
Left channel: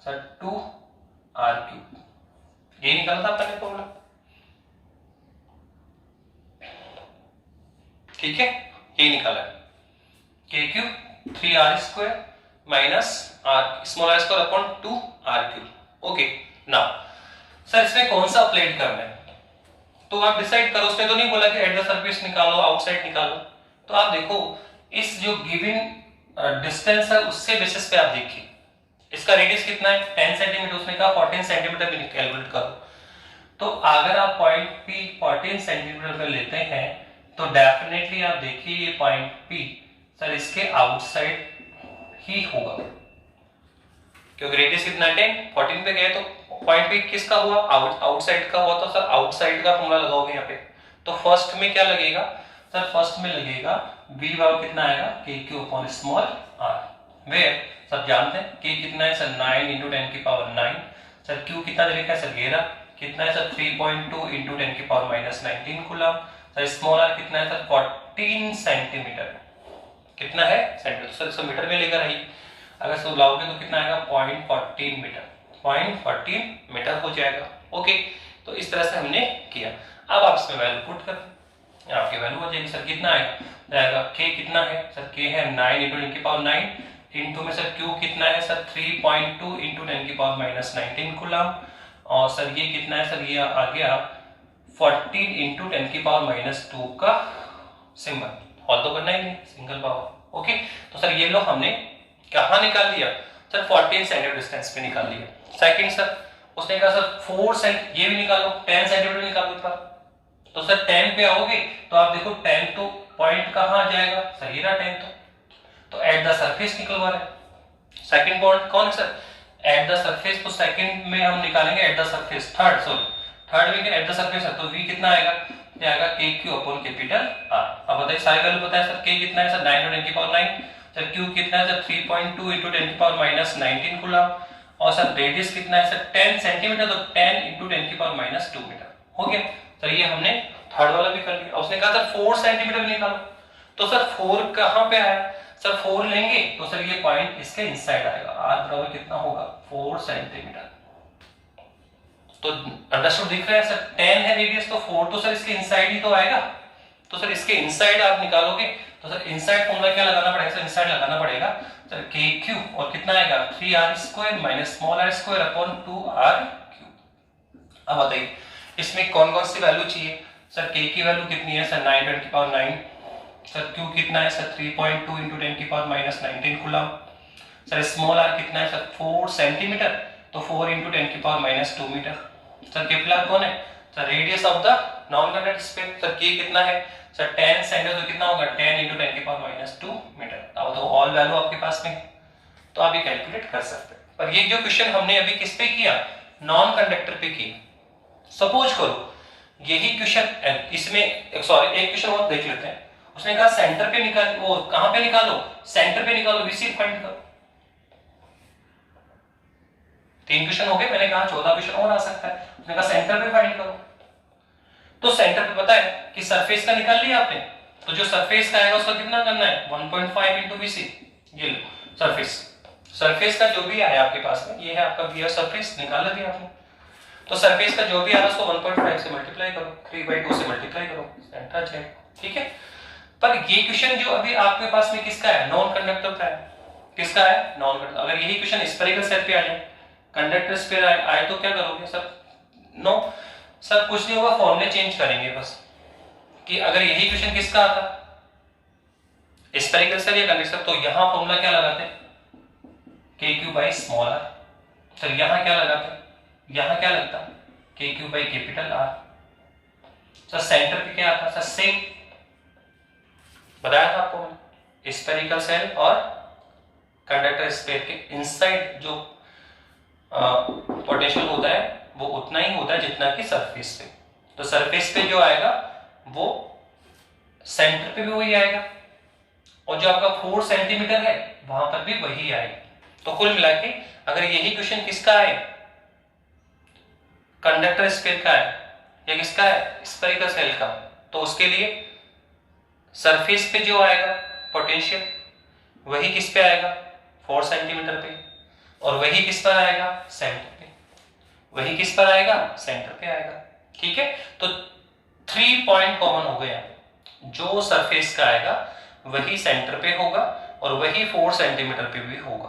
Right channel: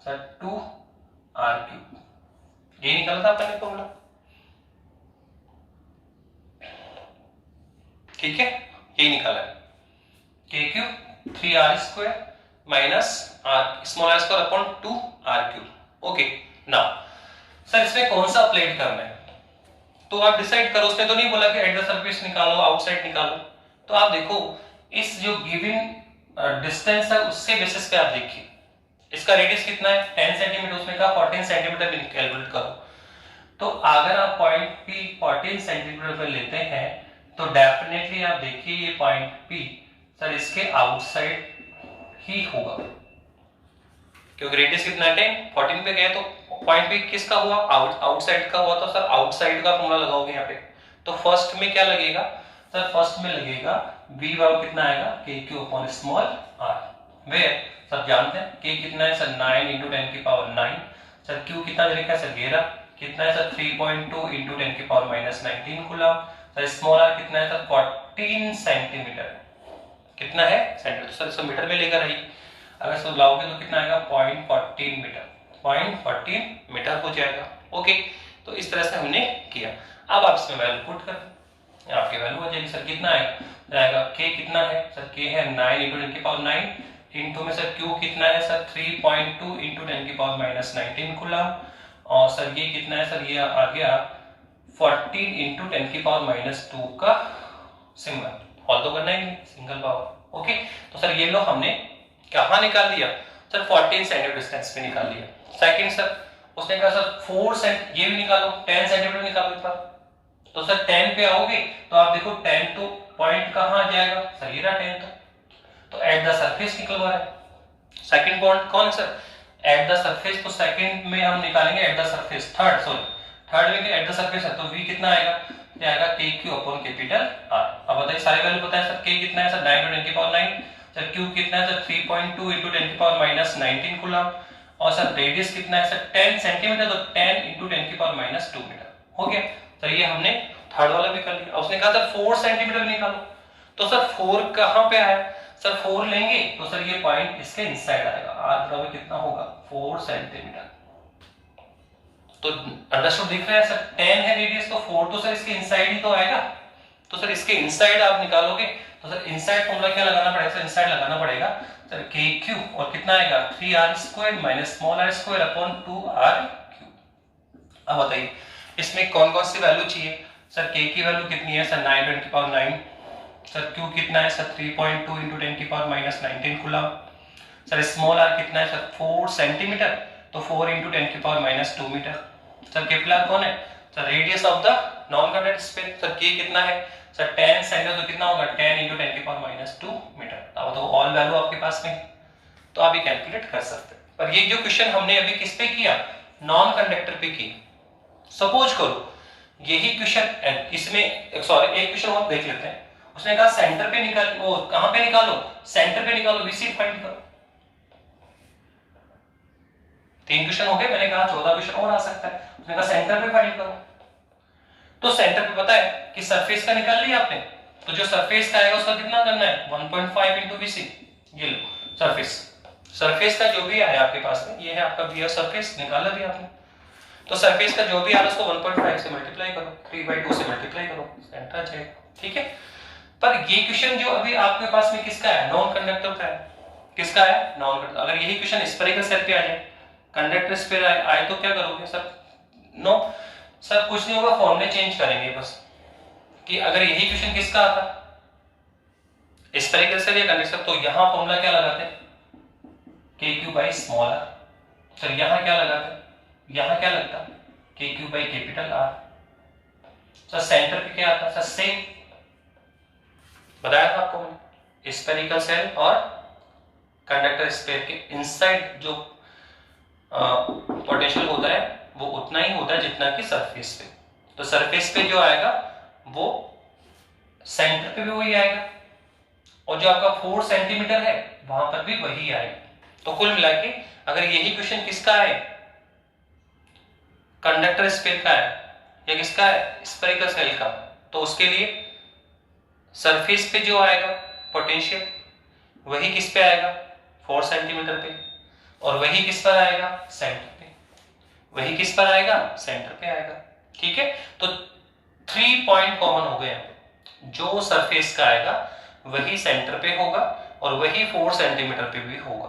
सर, 2r³, ये निकाला था अपने फॉर्मूला। ठीक है, ये निकाला है k cube 3r² minus r small r square upon 2r³। Okay, now sir इसमें कौन सा अप्लाइड करना है तो आप डिसाइड करो। उसने तो नहीं बोला कि एट द सरफेस निकालो, आउटसाइड निकालो। तो आप देखो इस जो गिवन डिस्टेंस है उससे बेसिस पे आप देखिए इसका रेडियस कितना है 10 सेंटीमीटर, उसने कहा 14 सेंटीमीटर भी कैलकुलेट करो। तो अगर आप पॉइंट पी 14 सेंटीमीटर पे लेते हैं तो डेफिनेटली आप देखिए ये पॉइंट पी सर इसके आउटसाइड ही होगा, क्योंकि रेडियस कितना है 10, 14 पे गए तो पॉइंट पी किसका हुआ, आउटसाइड का हुआ। तो सर आउटसाइड का फॉर्मूला लगाओगे यहाँ पे। तो फर्स्ट में क्या लगेगा सर, फर्स्ट में लगेगा v वाव कितना आएगा k q upon small r, where सब जानते हैं k कितना है सर 9 इंटू 10 की पावर 9, सर q कितना दे रखा है सर 11, कितना है सर 3.2 इंटू 10 की power minus 19 coulomb, sir small r कितना है सर 14 सेंटीमीटर, कितना है सेंटीमीटर, सर इसको मीटर में लेकर आइए। अगर सब लाओगे तो कितना आएगा 0.14 मीटर, 0.14 मीटर हो जाएगा। ओके, तो इस तरह से हमने किया। अब आप इसमें वैल्यू पुट कर दें, आपकी वैल्यू हो जाएगी। सर कितना आएगा k कितना है सर, k है 9 इंटू 10 की पावर 9 इंटू में सर q कितना है सर 3.2 इंटू 10 की पावर माइनस 19 कूलम, और सर ये कितना है सर, ये आ गया 14 इंटू 10 की पावर माइनस 2 का सिंबल, हॉल तो करना ही नहीं, सिंगल पावर। ओके, तो सर ये लो हमने कहाँ निकाल लिया सर 14 सेंटीमीटर डिस्टेंस पे निकाल लिया। सेकंड सर उसने कहा सर 4 सेंट ये भी निकालो, 10 सेंटीमीटर निकालो ऊपर। तो सर 10 पे आओगे तो आप देखो 10 तो पॉइंट कहाँ आ जाएगा सर, ये रहा 10 तो एट द सरफेस निकलवा रहे हैं। सेकंड पॉइंट कौन है सर, एट द सरफेस। तो सेकंड में हम निकालेंगे एट द सरफेस, थर्ड में एट द सरफेस है तो v कितना आएगा, ये आएगा k q upon capital r। अब बताइए सारे वैल्यू पता है सर, k कितना है सर 9 इंटू 10 की पावर 9, सर q कितना है सर 3.2 इंटू 10 की पावर माइनस 19 कूलम, और सर रेडियस कितना है सर 10 सेंटीमीटर, तो 10 इंटू 10 की पावर माइनस 2 मीटर। हो गया सर, ये हमने थर्ड वाला भी कर लिया। उसने कहा सर 4 सेंटीमीटर भी निकालो, तो सर 4 कहां पे आया सर, 4 लेंगे तो सर ये पॉइंट इसके इनसाइड आएगा, r बराबर कितना होगा 4 सेंटीमीटर। तो अंडरस्टूड दिख रहा है सर, 10 है रेडियस तो 4 तो सर इसके इनसाइड ही तो आएगा। तो सर इसके इनसाइड आप निकालोगे तो सर इनसाइड फॉर्मूला क्या लगाना पड़ेगा सर, इनसाइड लगाना पड़ेगा सर के क्यू, और कितना आएगा 3r² minus small r² upon 2r³। अब बताइए इसमें कौन कौन सी वैल्यू चाहिए सर, के की वैल्यू कितनी है सर 9 10 की पावर 9, सर क्यू कितना है सर 3.2 इंटू 10 की power minus 19 coulomb, sir small r कितना है सर 4 सेंटीमीटर, तो 4 इंटू 10 की power minus 2 metre, sir capital कौन है sir radius of the non contact sphere, sir k कितना है सर 10 सेंटीमीटर, तो कितना होगा 10 इंटू 10 की पावर माइनस 2 मीटर। अब तो ऑल वैल्यू आपके पास में तो आप ये कैलकुलेट कर सकते हैं। पर ये जो क्वेश्चन हमने अभी किस पे किया, नॉन कंडक्टर पे किया। सपोज करो यही क्वेश्चन इसमें सॉरी एक क्वेश्चन और देख लेते हैं। उसने कहा सेंटर पे निकाल, वो कहां पे निकालो सेंटर पे निकालो, वीसी फाइंड करो। 3 क्वेश्चन हो गए, मैंने कहा 14 क्वेश्चन और आ सकता है। उसने कहा सेंटर पे फाइंड करो, तो सेंटर पे पता है कि सरफेस का निकाल लिया आपने, तो जो सरफेस का आएगा उसका कितना करना है 1.5 इंटू वीसी। ये लो सरफेस का जो भी आया आपके पास में, ये है आपका वी सरफेस, निकाला भी आपने। तो सरफेस का जो भी आ रहा है उसको 1.5 से मल्टीप्लाई करो, 3/2 से मल्टीप्लाई करो, सेंटर आ जाएगा। ठीक है, पर ये क्वेश्चन जो अभी आपके पास में किसका है, नॉन कंडक्टर का है। किसका है, नॉन कंडक्टर। अगर यही क्वेश्चन स्फेरिकल सेट पे आ जाए, कंडक्टर स्फीयर आए तो क्या करोगे सर, नो सर कुछ नहीं होगा, फॉर्मूले चेंज करेंगे बस। कि अगर यही क्वेश्चन किसका आता स्फेरिकल सेट या कंडक्टर, तो यहां फॉर्मूला क्या लगाते हैं k q by small r. Sir यहां क्या लगाते, यहां क्या लगता k q by capital r. Sir centre पे क्या आता सर, सेम बताया था आपको मैंने, स्फेरिकल सेल और कंडक्टर स्फीयर के इनसाइड जो पोटेंशियल होता है वो उतना ही होता है जितना कि सरफेस पे। तो सरफेस पे जो आएगा वो सेंटर पे भी वही आएगा, और जो आपका 4 सेंटीमीटर है वहां पर भी वही आएगा। तो कुल मिला के अगर यही क्वेश्चन किसका है, कंडक्टर स्फीयर का है या किसका है स्फेरिकल सेल का, तो उसके लिए सरफेस पे जो आएगा पोटेंशियल वही किस पे आएगा 4 सेंटीमीटर पे, और वही किस पर आएगा सेंटर पे, वही किस पर आएगा सेंटर पे आएगा। ठीक है, तो 3 पॉइंट कॉमन हो गए यहाँ पे। जो सरफेस का आएगा वही सेंटर पे होगा और वही 4 सेंटीमीटर पे भी होगा,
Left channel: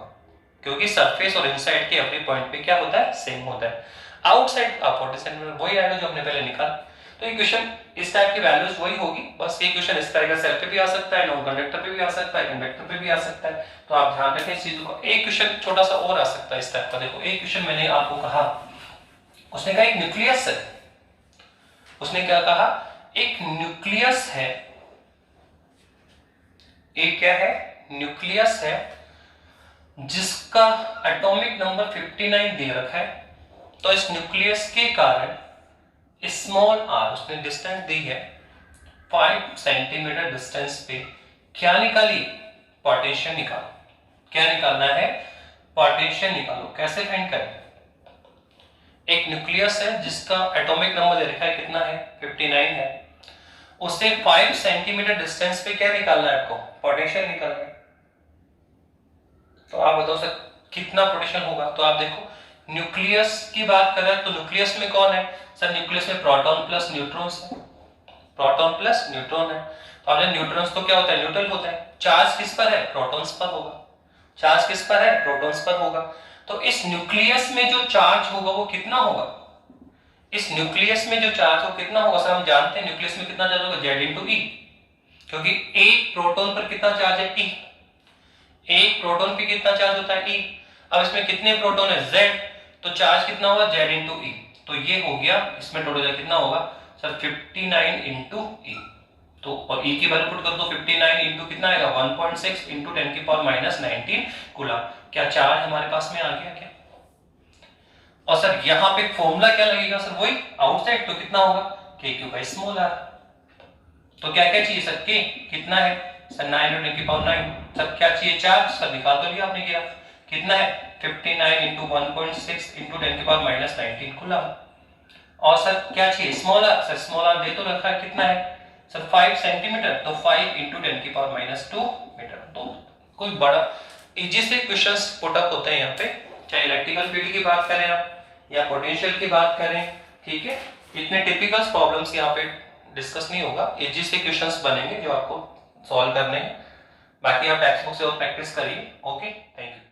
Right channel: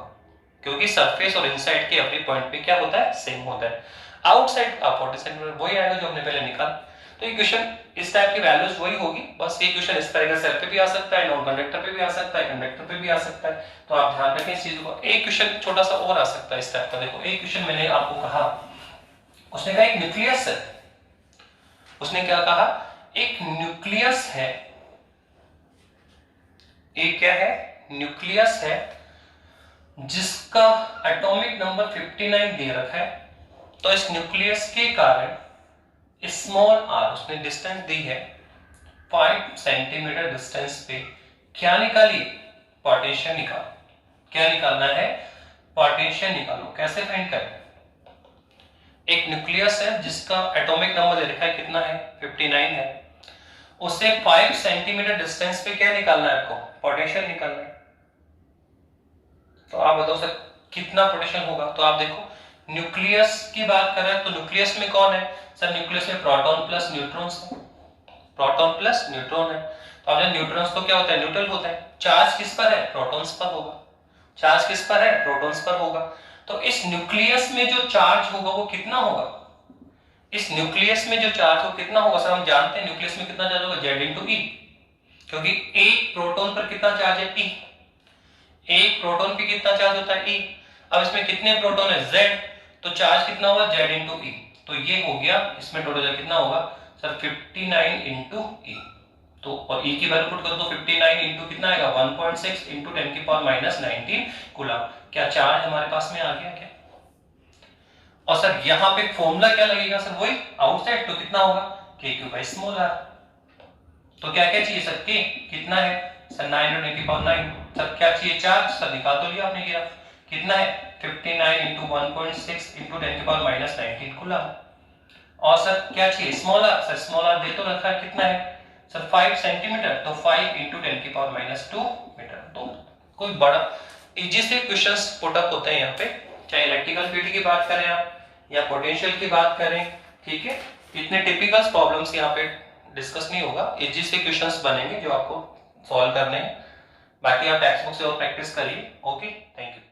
क्योंकि सरफेस और इनसाइड के एवरी पॉइंट पे क्या होता है, सेम होता है। आउटसाइड 40 सेंटीमीटर वही आएगा जो हमने पहले निकाला। तो ये क्वेश्चन इस टाइप की वैल्यूज वही होगी, बस ये क्वेश्चन इस तरह का सेल पे भी आ सकता है, नॉन कंडक्टर पे भी आ सकता है, कंडक्टर पे भी आ सकता है। तो आप ध्यान रखें इस चीज को। एक क्वेश्चन छोटा सा और आ सकता है इस टाइप का। देखो एक क्वेश्चन मैंने आपको कहा, उसने कहा एक न्यूक्लियस है, उसने क्या कहा, एक न्यूक्लियस है, एक क्या है, न्यूक्लियस है जिसका एटॉमिक नंबर 59 दे रखा है। तो इस न्यूक्लियस के कारण स्मॉल आर, उसने डिस्टेंस दी है 5 सेंटीमीटर डिस्टेंस पे, क्या निकालिए, पोटेंशियल निकालो। क्या निकालना है, पोटेंशियल निकालो। कैसे फाइंड करें, एक न्यूक्लियस है जिसका एटॉमिक नंबर दे रखा है, कितना है, 59 है, उससे 5 सेंटीमीटर डिस्टेंस पे क्या निकालना है आपको, पोटेंशियल निकालना है। तो आप बताओ सर कितना पोटेंशियल होगा। तो आप देखो न्यूक्लियस की बात कर रहे हैं, तो न्यूक्लियस में कौन है सर, न्यूक्लियस में प्रोटॉन प्लस न्यूट्रॉन्स है, प्रोटॉन प्लस न्यूट्रॉन है। तो अब जब न्यूट्रॉन्स तो क्या होता है, न्यूट्रल होता है। चार्ज किस पर है, प्रोटॉन्स पर होगा। चार्ज किस पर है, प्रोटॉन्स पर होगा। तो इस न्यूक्लियस में जो चार्ज होगा वो कितना होगा, इस न्यूक्लियस में जो चार्ज हो कितना होगा सर, हम जानते हैं न्यूक्लियस में कितना चार्ज होगा, Z इंटू ई, क्योंकि एक प्रोटॉन पर कितना चार्ज है, ई, एक प्रोटॉन पे कितना चार्ज होता है, ई। अब इसमें कितने प्रोटॉन है, Z, तो चार्ज कितना होगा, Z इंटू ई। तो ये हो गया, इसमें टोटल कितना होगा सर, 59 इंटू ई। तो और ई की वैल्यू पुट कर दो, 59 इंटू कितना आएगा, 1.6 इंटू 10 की पावर माइनस 19 कूलम। क्या चार्ज हमारे पास में आ गया क्या। और सर यहाँ पे फॉर्मूला क्या लगेगा सर, वही आउटसाइड, तो कितना होगा, k q by small r. तो क्या क्या चाहिए सर, के कितना है सर, 9 इंटू 10 की पावर 9। सर क्या चाहिए, चार्ज, सर निकाल तो लिया आपने, गिरा कितना है, 59 इंटू 1.6 इंटू 10 की पावर माइनस 19 कूलम। और सर क्या चाहिए, small r, sir small r दे तो रखा है, कितना है सर 5 सेंटीमीटर, तो 5 इंटू 10 की पावर माइनस 2 मीटर। तो कोई बड़ा इजी से क्वेश्चंस पुट अप होते हैं यहाँ पे, चाहे इलेक्ट्रिकल फील्ड की बात करें आप या पोटेंशियल की बात करें, ठीक है। इतने टिपिकल प्रॉब्लम्स यहाँ पे डिस्कस नहीं होगा, इजी से क्वेश्चंस बनेंगे जो आपको सॉल्व करने हैं। बाकी आप टेक्स्ट बुक से और प्रैक्टिस करिए। Okay, thank you.